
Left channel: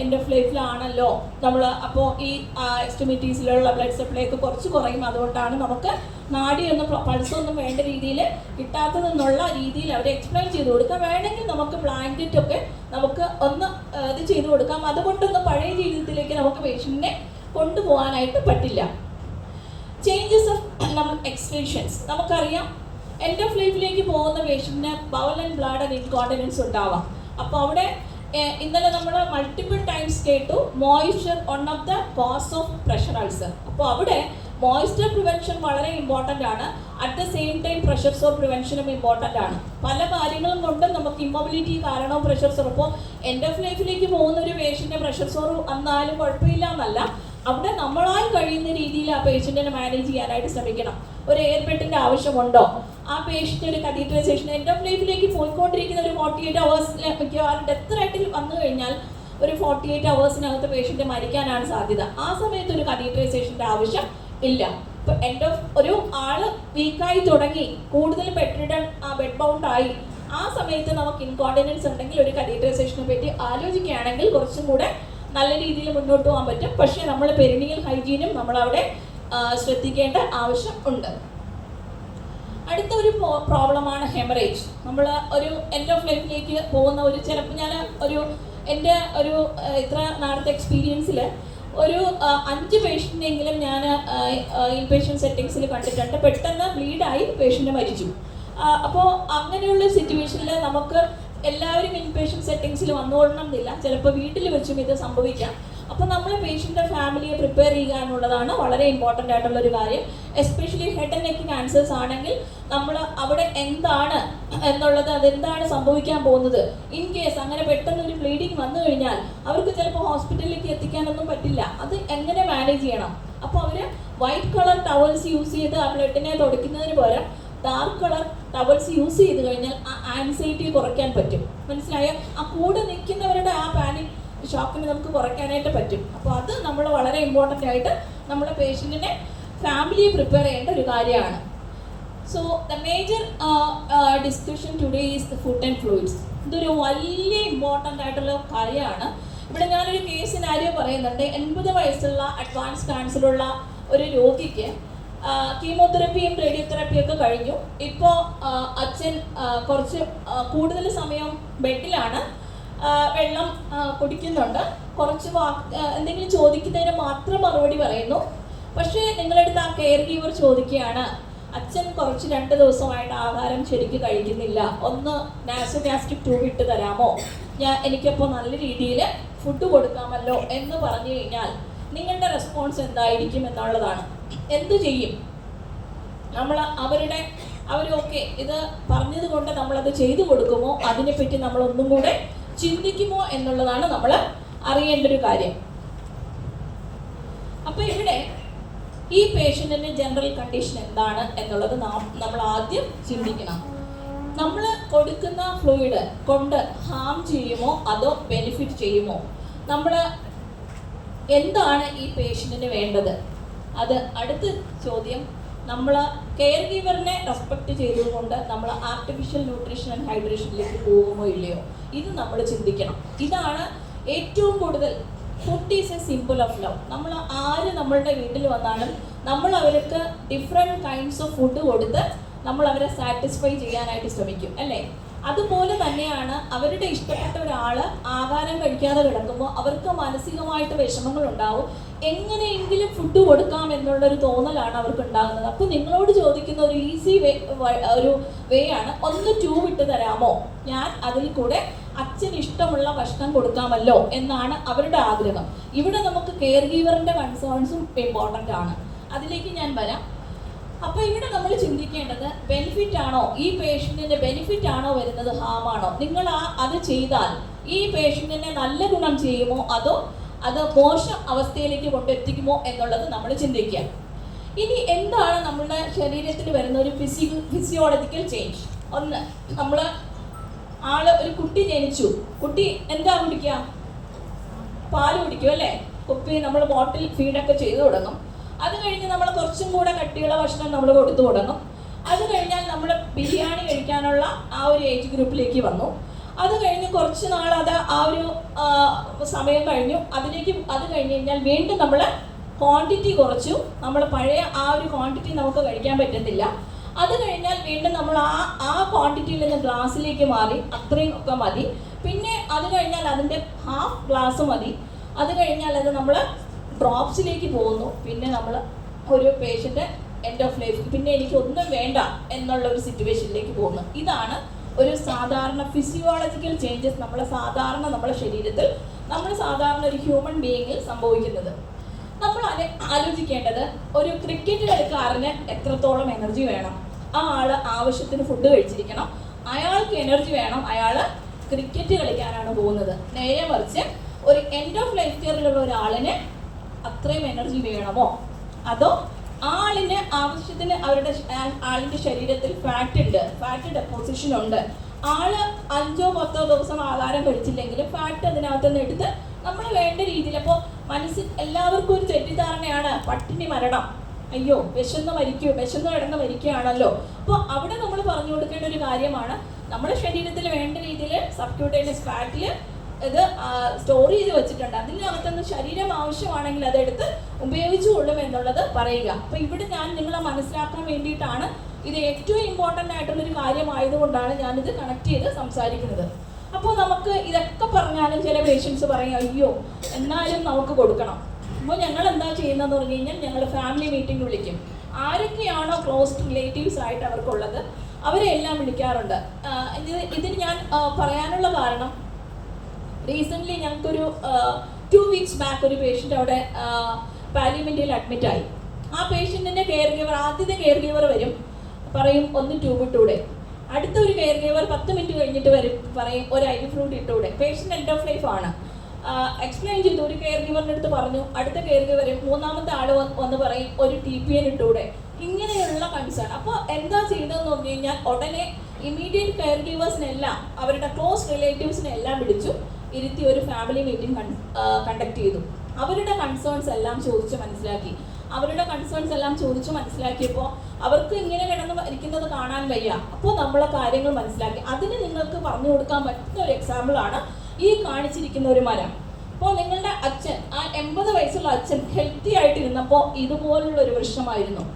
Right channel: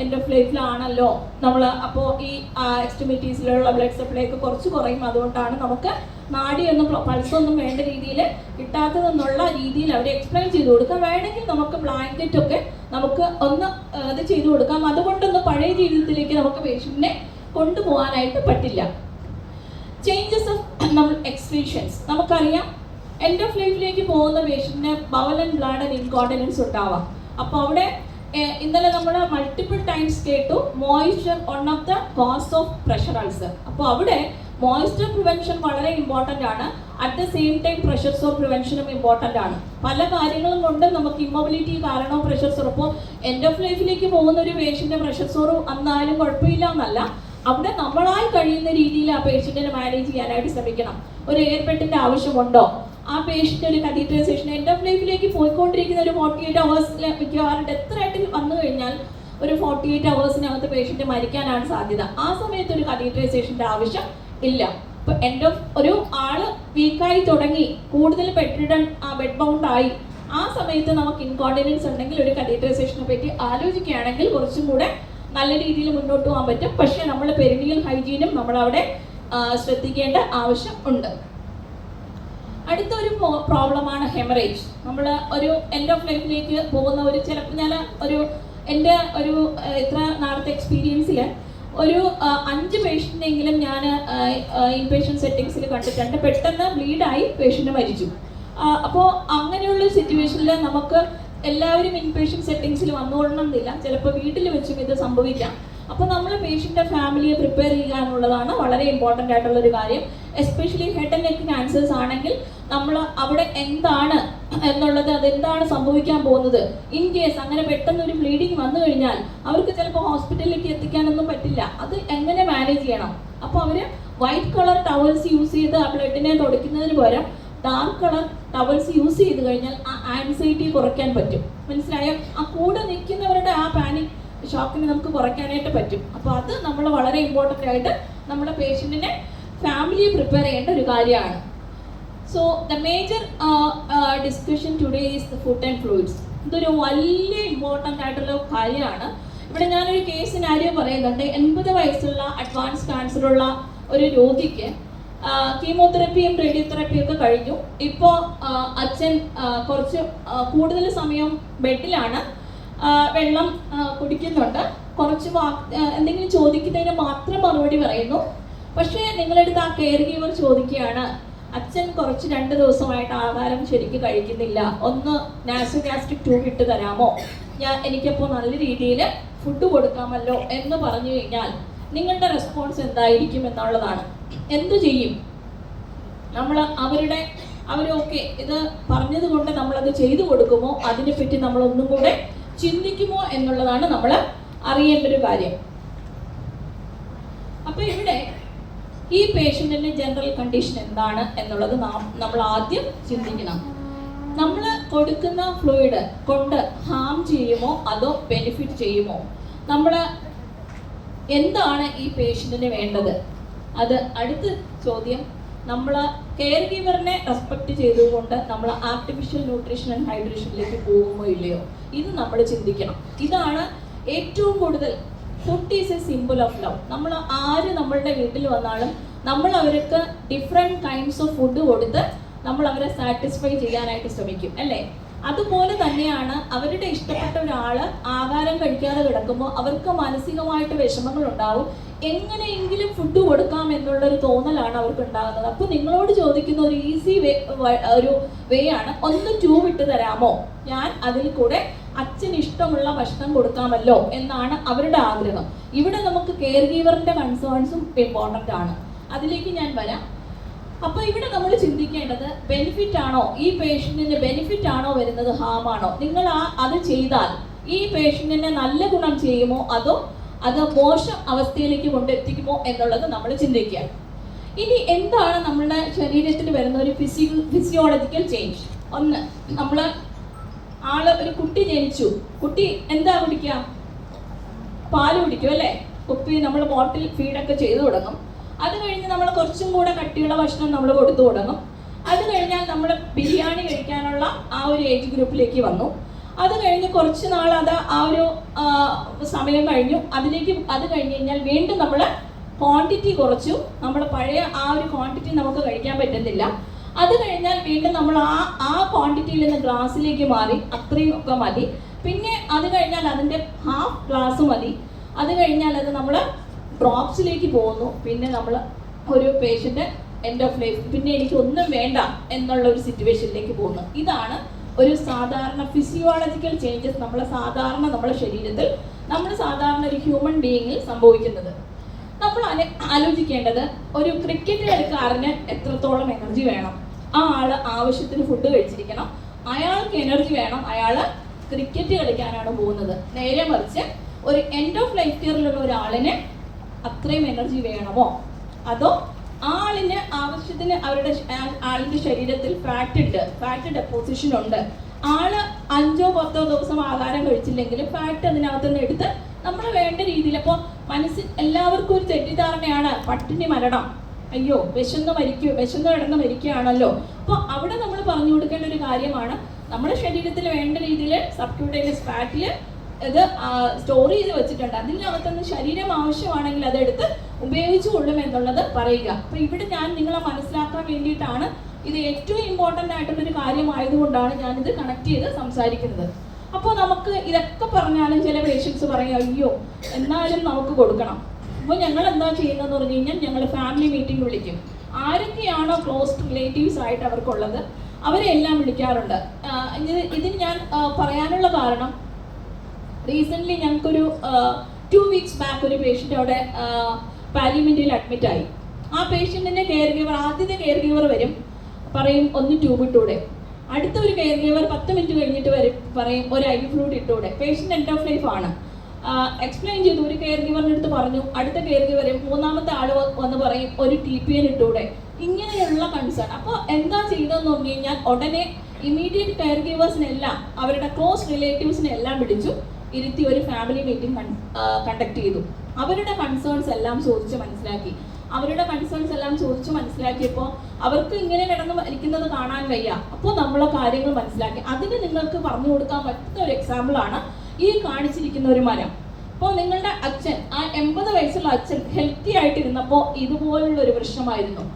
എൻഡ് ഓഫ് ലൈഫിലാണല്ലോ നമ്മൾ. അപ്പോൾ ഈ എക്സ്ട്രിമിറ്റീസിലുള്ള ബ്ലഡ് സപ്ലൈ ഒക്കെ കുറച്ച് കുറയും. അതുകൊണ്ടാണ് നമുക്ക് നാഡിയൊന്നും പൾസൊന്നും വേണ്ട രീതിയിൽ കിട്ടാത്തതെന്നുള്ള രീതിയിൽ അവിടെ എക്സ്പ്ലെയിൻ ചെയ്ത് കൊടുക്കാം. വേണമെങ്കിൽ നമുക്ക് ബ്ലാങ്കറ്റ് ഒക്കെ നമുക്ക് ഒന്ന് ഇത് ചെയ്ത് കൊടുക്കാം. അതുകൊണ്ടൊന്നും പഴയ ജീവിതത്തിലേക്ക് നമുക്ക് പേഷ്യൻറ്റിനെ കൊണ്ടുപോകാനായിട്ട് പറ്റില്ല. ചേഞ്ചസ് ഓഫ് നമ്മൾ എക്സ്ക്രീഷൻസ് നമുക്കറിയാം. എൻഡ് ഓഫ് ലൈഫിലേക്ക് പോകുന്ന പേഷ്യൻറ്റിന് ബവൽ ആൻഡ് ബ്ലാഡർ ഇൻകോണ്ടിനൻസ് ഉണ്ടാവാം. അപ്പോൾ അവിടെ ഇന്നലെ നമ്മൾ മൾട്ടിപ്പിൾ ടൈംസ് കേട്ടു, moisture one of the cause of pressure ulcer. അപ്പോൾ അവിടെ മോയ്സ്ചർ പ്രിവെൻഷൻ വളരെ ഇമ്പോർട്ടൻ്റ് ആണ്. At the same time pressure sore പ്രിവെൻഷനും ഇമ്പോർട്ടൻ്റ് ആണ്. പല കാര്യങ്ങളും കൊണ്ട് നമുക്ക് ഇമ്മൊബിലിറ്റി കാരണവും പ്രഷർ സോർ. അപ്പോൾ എൻഡ് ഓഫ് ലൈഫിലേക്ക് പോകുന്ന ഒരു പേഷ്യൻ്റെ പ്രഷർ സോർ വന്നാലും കുഴപ്പമില്ല എന്നല്ല, അവിടെ നമ്മളാൽ കഴിയുന്ന രീതിയിൽ ആ പേഷ്യൻറ്റിനെ മാനേജ് ചെയ്യാനായിട്ട് ശ്രമിക്കണം. ഒരു എയർ ബെഡിൻ്റെ ആവശ്യമുണ്ടോ? ആ പേഷ്യൻ്റ് ഒരു കത്തീഡ്രൈസേഷൻ എൻഡ് ഓഫ് ലൈഫിലേക്ക് പോയിക്കൊണ്ടിരിക്കുന്ന ഒരു 48 അവേഴ്സിൽ മിക്കവാറും ഡെത്ത് റേറ്റിൽ വന്നു കഴിഞ്ഞാൽ ഒരു 48 അവേഴ്സിനകത്ത് പേഷ്യൻ്റ് മരിക്കാനാണ് സാധ്യത. ആ സമയത്ത് ഒരു കത്തീഡ്രൈസേഷൻ്റെ ആവശ്യം ഇല്ല. ഇപ്പോൾ എൻഡ് ഓഫ് ഒരു ആള് വീക്കായി തുടങ്ങി, കൂടുതൽ ബെഡ് ബൗണ്ട് ആയി, ആ സമയത്ത് നമുക്ക് ഇൻകോണ്ടിനൻസ് ഉണ്ടെങ്കിൽ ഒരു കത്തീഡ്രൈസേഷനെ പറ്റി ആലോചിക്കുകയാണെങ്കിൽ കുറച്ചും കൂടെ നല്ല രീതിയിൽ മുന്നോട്ട് പോകാൻ പറ്റും. പക്ഷേ നമ്മൾ പെരിനിയൽ ഹൈജീനും നമ്മളവിടെ ശ്രദ്ധിക്കേണ്ട ആവശ്യം ഉണ്ട്. അടുത്തൊരു പ്രോബ്ലമാണ് ഹെമറേജ്. നമ്മൾ ഒരു എൻഡ് ഓഫ് ലൈഫിലേക്ക് പോകുന്ന ചിലപ്പോൾ ഞാൻ എൻ്റെ ഇത്ര നാളത്തെ എക്സ്പീരിയൻസിൽ ഒരു 5 പേഷ്യൻ്റെങ്കിലും ഞാൻ ഇൻപേഷ്യൻ്റ് സെറ്റിങ്സിൽ കണ്ടിട്ടുണ്ട്. പെട്ടെന്ന് ബ്ലീഡായി പേഷ്യൻ്റ് മരിച്ചു. അപ്പോൾ അങ്ങനെയുള്ള സിറ്റുവേഷനിൽ നമുക്ക് എല്ലാവരും ഇൻപേഷ്യൻ്റ് സെറ്റിങ്സിൽ വന്നുകൊള്ളണം എന്നില്ല. ചിലപ്പോൾ വീട്ടിൽ വെച്ചും ഇത് സംഭവിക്കാം. അപ്പോൾ നമ്മൾ പേഷ്യൻ്റെ ഫാമിലിയെ പ്രിപ്പയർ ചെയ്യുക എന്നുള്ളതാണ് വളരെ ഇമ്പോർട്ടൻ്റ് ആയിട്ടുള്ളൊരു കാര്യം. Especially head and neck cancers ആണെങ്കിൽ നമ്മൾ അവിടെ എന്താണ് എന്നുള്ളത്, അതെന്താണ് സംഭവിക്കാൻ പോകുന്നത്, ഇൻ കേസ് അങ്ങനെ പെട്ടെന്ന് ഒരു ബ്ലീഡിങ് വന്നു കഴിഞ്ഞാൽ അവർക്ക് ചിലപ്പോൾ ഹോസ്പിറ്റലിലേക്ക് എത്തിക്കാനൊന്നും പറ്റില്ല. അത് എങ്ങനെ മാനേജ് ചെയ്യണം? അപ്പോൾ അവർ വൈറ്റ് കളർ ടവൽസ് യൂസ് ചെയ്ത് ആ ബ്ലഡിനെ തുടയ്ക്കുന്നതിന് പകരം ഡാർക്ക് കളർ ടവൽസ് യൂസ് ചെയ്ത് കഴിഞ്ഞാൽ ആ ആൻസൈറ്റി കുറയ്ക്കാൻ പറ്റും. മനസ്സിലായോ? ആ കൂടെ നിൽക്കുന്നവരുടെ ആ പാനിക് ഷോക്കിന് നമുക്ക് കുറയ്ക്കാനായിട്ട് പറ്റും. അപ്പോൾ അത് നമ്മൾ വളരെ ഇമ്പോർട്ടൻ്റ് ആയിട്ട് നമ്മുടെ പേഷ്യൻറ്റിനെ ഫാമിലിയെ പ്രിപ്പയർ ചെയ്യേണ്ട ഒരു കാര്യമാണ്. So the major discussion today is the food and fluids. ഇതൊരു വലിയ ഇമ്പോർട്ടൻ്റ് ആയിട്ടുള്ള കാര്യമാണ്. ഇവിടെ ഞാനൊരു കേസ് സിനാരിയോ പറയുന്നുണ്ട്. 80 വയസ്സുള്ള അഡ്വാൻസ് ക്യാൻസറുള്ള ഒരു രോഗിക്ക് കീമോതെറപ്പിയും റേഡിയോതെറപ്പിയും ഒക്കെ കഴിഞ്ഞു. ഇപ്പോൾ അച്ഛൻ കുറച്ച് കൂടുതൽ സമയം ബെഡിലാണ്, വെള്ളം കുടിക്കുന്നുണ്ട്, കുറച്ച് എന്തെങ്കിലും ചോദിക്കുന്നതിന് മാത്രം മറുപടി പറയുന്നു. പക്ഷേ നിങ്ങളെടുത്ത് ആ കെയർ ഗീവർ ചോദിക്കുകയാണ്, അച്ഛൻ കുറച്ച് 2 ദിവസമായിട്ട് ആഹാരം ശരിക്കും കഴിക്കുന്നില്ല, ഒന്ന് നാസോഗാസ്ട്രിക് ട്യൂബ് ഇട്ട് തരാമോ, എനിക്കപ്പോൾ നല്ല രീതിയിൽ ഫുഡ് കൊടുക്കാമല്ലോ എന്ന് പറഞ്ഞു കഴിഞ്ഞാൽ നിങ്ങളുടെ റെസ്പോൺസ് എന്തായിരിക്കും എന്നുള്ളതാണ്. എന്തു ചെയ്യും? നമ്മൾ അവരൊക്കെ ഇത് പറഞ്ഞത് കൊണ്ട് നമ്മളത് ചെയ്തു കൊടുക്കുമോ, അതിനെപ്പറ്റി നമ്മൾ ഒന്നും കൂടെ ചിന്തിക്കുമോ എന്നുള്ളതാണ് നമ്മൾ അറിയേണ്ട ഒരു കാര്യം. അപ്പൊ ഇവിടെ ഈ പേഷ്യന്റിന്റെ ജനറൽ കണ്ടീഷൻ എന്താണ് എന്നുള്ളത് നമ്മൾ ആദ്യം ചിന്തിക്കണം. നമ്മൾ കൊടുക്കുന്ന ഫ്ലൂയിഡ് കൊണ്ട് ഹാം ചെയ്യുമോ അതോ ബെനിഫിറ്റ് ചെയ്യുമോ? നമ്മൾ എന്താണ് ഈ പേഷ്യന്റിന് വേണ്ടത്? അത് അടുത്ത ചോദ്യം. നമ്മൾ കെയർ ഗീവറിനെ റെസ്പെക്ട് ചെയ്തുകൊണ്ട് നമ്മൾ ആർട്ടിഫിഷ്യൽ ന്യൂട്രീഷൻ ആൻഡ് ഹൈഡ്രേഷനിലേക്ക് പോകുമോ ഇല്ലയോ? ഇത് നമ്മൾ ചിന്തിക്കണം. ഇതാണ് ഏറ്റവും കൂടുതൽ. Food is A simple of love. നമ്മൾ ആര് നമ്മളുടെ വീട്ടിൽ വന്നാലും നമ്മൾ അവർക്ക് ഡിഫറെൻറ്റ് കൈൻഡ്സ് ഓഫ് ഫുഡ് കൊടുത്ത് നമ്മൾ അവരെ സാറ്റിസ്ഫൈ ചെയ്യാനായിട്ട് ശ്രമിക്കും അല്ലേ? അതുപോലെ തന്നെയാണ് അവരുടെ ഇഷ്ടപ്പെട്ട ഒരാള് ആഹാരം കഴിക്കാതെ കിടക്കുമ്പോൾ അവർക്ക് മാനസികമായിട്ട് വിഷമങ്ങൾ ഉണ്ടാവും. എങ്ങനെയെങ്കിലും ഫുഡ് കൊടുക്കാം എന്നുള്ളൊരു തോന്നലാണ് അവർക്ക് ഉണ്ടാകുന്നത്. അപ്പൊ നിങ്ങളോട് ചോദിക്കുന്ന ഒരു ഈസി വേ ആണ്, ഒന്ന് ട്യൂബ് ഇട്ട് തരാമോ, ഞാൻ അതിൽ കൂടെ അച്ഛന് ഇഷ്ടമുള്ള ഭക്ഷണം കൊടുക്കാമല്ലോ എന്നാണ് അവരുടെ ആഗ്രഹം. ഇവിടെ നമുക്ക് കെയർ ഗീവറിന്റെ കൺസേൺസും ഇമ്പോർട്ടൻ്റ് ആണ്, അതിലേക്ക് ഞാൻ വരാം. അപ്പൊ ഇവിടെ നമ്മൾ ചിന്തിക്കേണ്ടത് ബെനിഫിറ്റ് ആണോ, ഈ പേഷ്യന്റിന് ബെനിഫിറ്റ് ആണോ വരുന്നത്, ഹാം ആണോ? നിങ്ങൾ അത് ചെയ്താൽ ഈ പേഷ്യന്റിനെ നല്ല ഗുണം ചെയ്യുമോ അതോ അത് മോശം അവസ്ഥയിലേക്ക് കൊണ്ടെത്തിക്കുമോ എന്നുള്ളത് നമ്മൾ ചിന്തിക്കുക. ഇനി എന്താണ് നമ്മുടെ ശരീരത്തിൽ വരുന്ന ഒരു ഫിസിയോളജിക്കൽ ചേഞ്ച്? ഒന്ന്, നമ്മള് ഒരു കുട്ടി ജനിച്ചു, കുട്ടി എന്താ കുടിക്കുക? പാല് കുടിക്കും അല്ലേ? കുപ്പി നമ്മൾ ബോട്ടിൽ ഫീഡൊക്കെ ചെയ്തു തുടങ്ങും. അത് കഴിഞ്ഞ് നമ്മൾ കുറച്ചും കൂടെ കട്ടിയുള്ള ഭക്ഷണം നമ്മൾ കൊടുത്തു തുടങ്ങും. അത് കഴിഞ്ഞാൽ നമ്മൾ ബിരിയാണി കഴിക്കാനുള്ള ആ ഒരു ഏജ് ഗ്രൂപ്പിലേക്ക് വന്നു. അത് കഴിഞ്ഞ് കുറച്ച് നാൾ അത് ആ ഒരു സമയം കഴിഞ്ഞു. അത് കഴിഞ്ഞ് കഴിഞ്ഞാൽ വീണ്ടും നമ്മൾ ക്വാണ്ടിറ്റി കുറച്ചു. നമ്മൾ പഴയ ആ ഒരു ക്വാണ്ടിറ്റി നമുക്ക് കഴിക്കാൻ പറ്റുന്നില്ല. അത് കഴിഞ്ഞാൽ വീണ്ടും നമ്മൾ ആ ക്വാണ്ടിറ്റിയിൽ നിന്ന് ഗ്ലാസ്സിലേക്ക് മാറി, അത്രയും ഒക്കെ മതി. പിന്നെ അത് കഴിഞ്ഞാൽ അതിൻ്റെ ഹാഫ് ഗ്ലാസ് മതി. അത് കഴിഞ്ഞാൽ അത് നമ്മൾ ഡ്രോപ്സിലേക്ക് പോകുന്നു. പിന്നെ നമ്മൾ ഒരു പേഷ്യന്റ് എൻഡ് ഓഫ് ലൈഫ്, പിന്നെ എനിക്ക് ഒന്നും വേണ്ട എന്നുള്ള ഒരു സിറ്റുവേഷനിലേക്ക് പോകുന്നു. ഇതാണ് ഒരു സാധാരണ ഫിസിയോളജിക്കൽ ചേഞ്ചസ് നമ്മുടെ ശരീരത്തിൽ, സാധാരണ ഒരു ഹ്യൂമൻ ബീയിങ്ങിൽ സംഭവിക്കുന്നത്. നമ്മൾ ആലോചിക്കേണ്ടത്, ഒരു ക്രിക്കറ്റ് കളിക്കാരന് എത്രത്തോളം എനർജി വേണം? ആ ആള് ആവശ്യത്തിന് ഫുഡ് കഴിച്ചിരിക്കണം, അയാൾക്ക് എനർജി വേണം, അയാള് ക്രിക്കറ്റ് കളിക്കാനാണ് പോകുന്നത്. നേരെ മറിച്ച് ഒരു എൻഡ് ഓഫ് ലൈഫ് കെയറിലുള്ള ഒരാളിന് അത്രയും എനർജി വേണമോ? അതോ ആളിന് ആവശ്യത്തിന് ആളിന്റെ ശരീരത്തിൽ ഫാറ്റ് ഡെപ്പോസിഷൻ ഉണ്ട്, ആള് 5-10 ദിവസം ആഹാരം കഴിച്ചില്ലെങ്കിൽ ഫാറ്റ് അതിനകത്ത് നിന്ന് എടുത്ത് നമ്മൾ വേണ്ട രീതിയിൽ. അപ്പോൾ എല്ലാവർക്കും ഒരു തെറ്റിദ്ധാരണയാണ്, പട്ടിണി മരണം, അയ്യോ വിശന്ന് കിടന്ന് മരിക്കുകയാണല്ലോ. അപ്പോൾ അവിടെ നമ്മൾ പറഞ്ഞു കൊടുക്കേണ്ട ഒരു കാര്യമാണ്, നമ്മുടെ ശരീരത്തിൽ വേണ്ട രീതിയിൽ സബ്ക്യൂട്ടേനിയസ് ഫാറ്റിൽ ഇത് സ്റ്റോർ ചെയ്ത് വെച്ചിട്ടുണ്ട്. അതിനകത്തുനിന്ന് ശരീരം ആവശ്യമാണെങ്കിൽ അതെടുത്ത് ഉപയോഗിച്ചുകൊള്ളും എന്നുള്ളത് പറയുക. അപ്പൊ ഇവിടെ ഞാൻ നിങ്ങളെ മനസ്സിലാക്കാൻ വേണ്ടിയിട്ടാണ്, ഇത് ഏറ്റവും ഇമ്പോർട്ടൻ്റ് ആയിട്ടുള്ളൊരു കാര്യമായതുകൊണ്ടാണ് ഞാനിത് കണക്ട് ചെയ്ത് സംസാരിക്കുന്നത്. അപ്പോൾ നമുക്ക് ഇതൊക്കെ പറഞ്ഞാലും ചില പേഷ്യൻസ് പറയും, അയ്യോ എന്നാലും നമുക്ക് കൊടുക്കണം. അപ്പോൾ ഞങ്ങൾ എന്താ ചെയ്യുന്നതെന്ന് പറഞ്ഞു കഴിഞ്ഞാൽ, ഞങ്ങൾ ഫാമിലി മീറ്റിംഗ് വിളിക്കും. ആരൊക്കെയാണോ ക്ലോസ് റിലേറ്റീവ്സ് ആയിട്ട് അവർക്കുള്ളത് അവരെ എല്ലാം വിളിക്കാറുണ്ട്. ഇതിന് ഞാൻ പറയാനുള്ള കാരണം, റീസെൻ്റ്ലി ഞങ്ങൾക്കൊരു 2 weeks ബാക്ക് ഒരു പേഷ്യൻ്റ് അവിടെ പാലിമെന്റിൽ അഡ്മിറ്റ് ആയി. ആ പേഷ്യൻറ്റിൻ്റെ ആദ്യത്തെ കെയർ ഗീവർ വരും, പറയും ഒന്ന് ട്യൂബ് ഇട്ടൂടെ. അടുത്ത ഒരു കെയർ ഗീവർ 10 മിനിറ്റ് കഴിഞ്ഞിട്ട് പറയും ഒരു ഐ ഫ്ലൂയിഡ് ഇട്ടൂടെ. പേഷ്യൻ്റ് എൻഡ് ഓഫ് ലൈഫ് ആണ്. എക്സ്പ്ലെയിൻ ചെയ്തു, ഒരു കെയർ ഗീവറിൻ്റെ അടുത്ത് പറഞ്ഞു, അടുത്ത കെയർ ഗീവർ മൂന്നാമത്തെ ആൾ വന്ന് പറയും ഒരു TPN ഇട്ടൂടെ. ഇങ്ങനെയുള്ള കൺസേൺ. അപ്പോൾ എന്താ ചെയ്തതെന്ന് പറഞ്ഞു കഴിഞ്ഞാൽ, ഉടനെ ഇമീഡിയറ്റ് കെയർ ഗീവേഴ്സിനെല്ലാം അവരുടെ ക്ലോസ് റിലേറ്റീവ്സിനെല്ലാം വിളിച്ചു ഇരുത്തി ഒരു ഫാമിലി മീറ്റിംഗ് കണ്ടക്ട് ചെയ്തു. അവരുടെ കൺസേൺസ് എല്ലാം ചോദിച്ചു മനസ്സിലാക്കിയപ്പോൾ അവർക്ക് ഇങ്ങനെ കിടന്ന് മരിക്കുന്നത് കാണാൻ വയ്യ. അപ്പോൾ നമ്മളെ കാര്യങ്ങൾ മനസ്സിലാക്കി. അതിന് നിങ്ങൾക്ക് പറഞ്ഞു കൊടുക്കാൻ പറ്റുന്ന ഒരു എക്സാമ്പിളാണ് ഈ കാണിച്ചിരിക്കുന്ന ഒരു മരം. അപ്പോൾ നിങ്ങളുടെ അച്ഛൻ, ആ 80 വയസ്സുള്ള അച്ഛൻ ഹെൽത്തി ആയിട്ടിരുന്നപ്പോൾ ഇതുപോലുള്ള ഒരു പ്രശ്നമായിരുന്നു.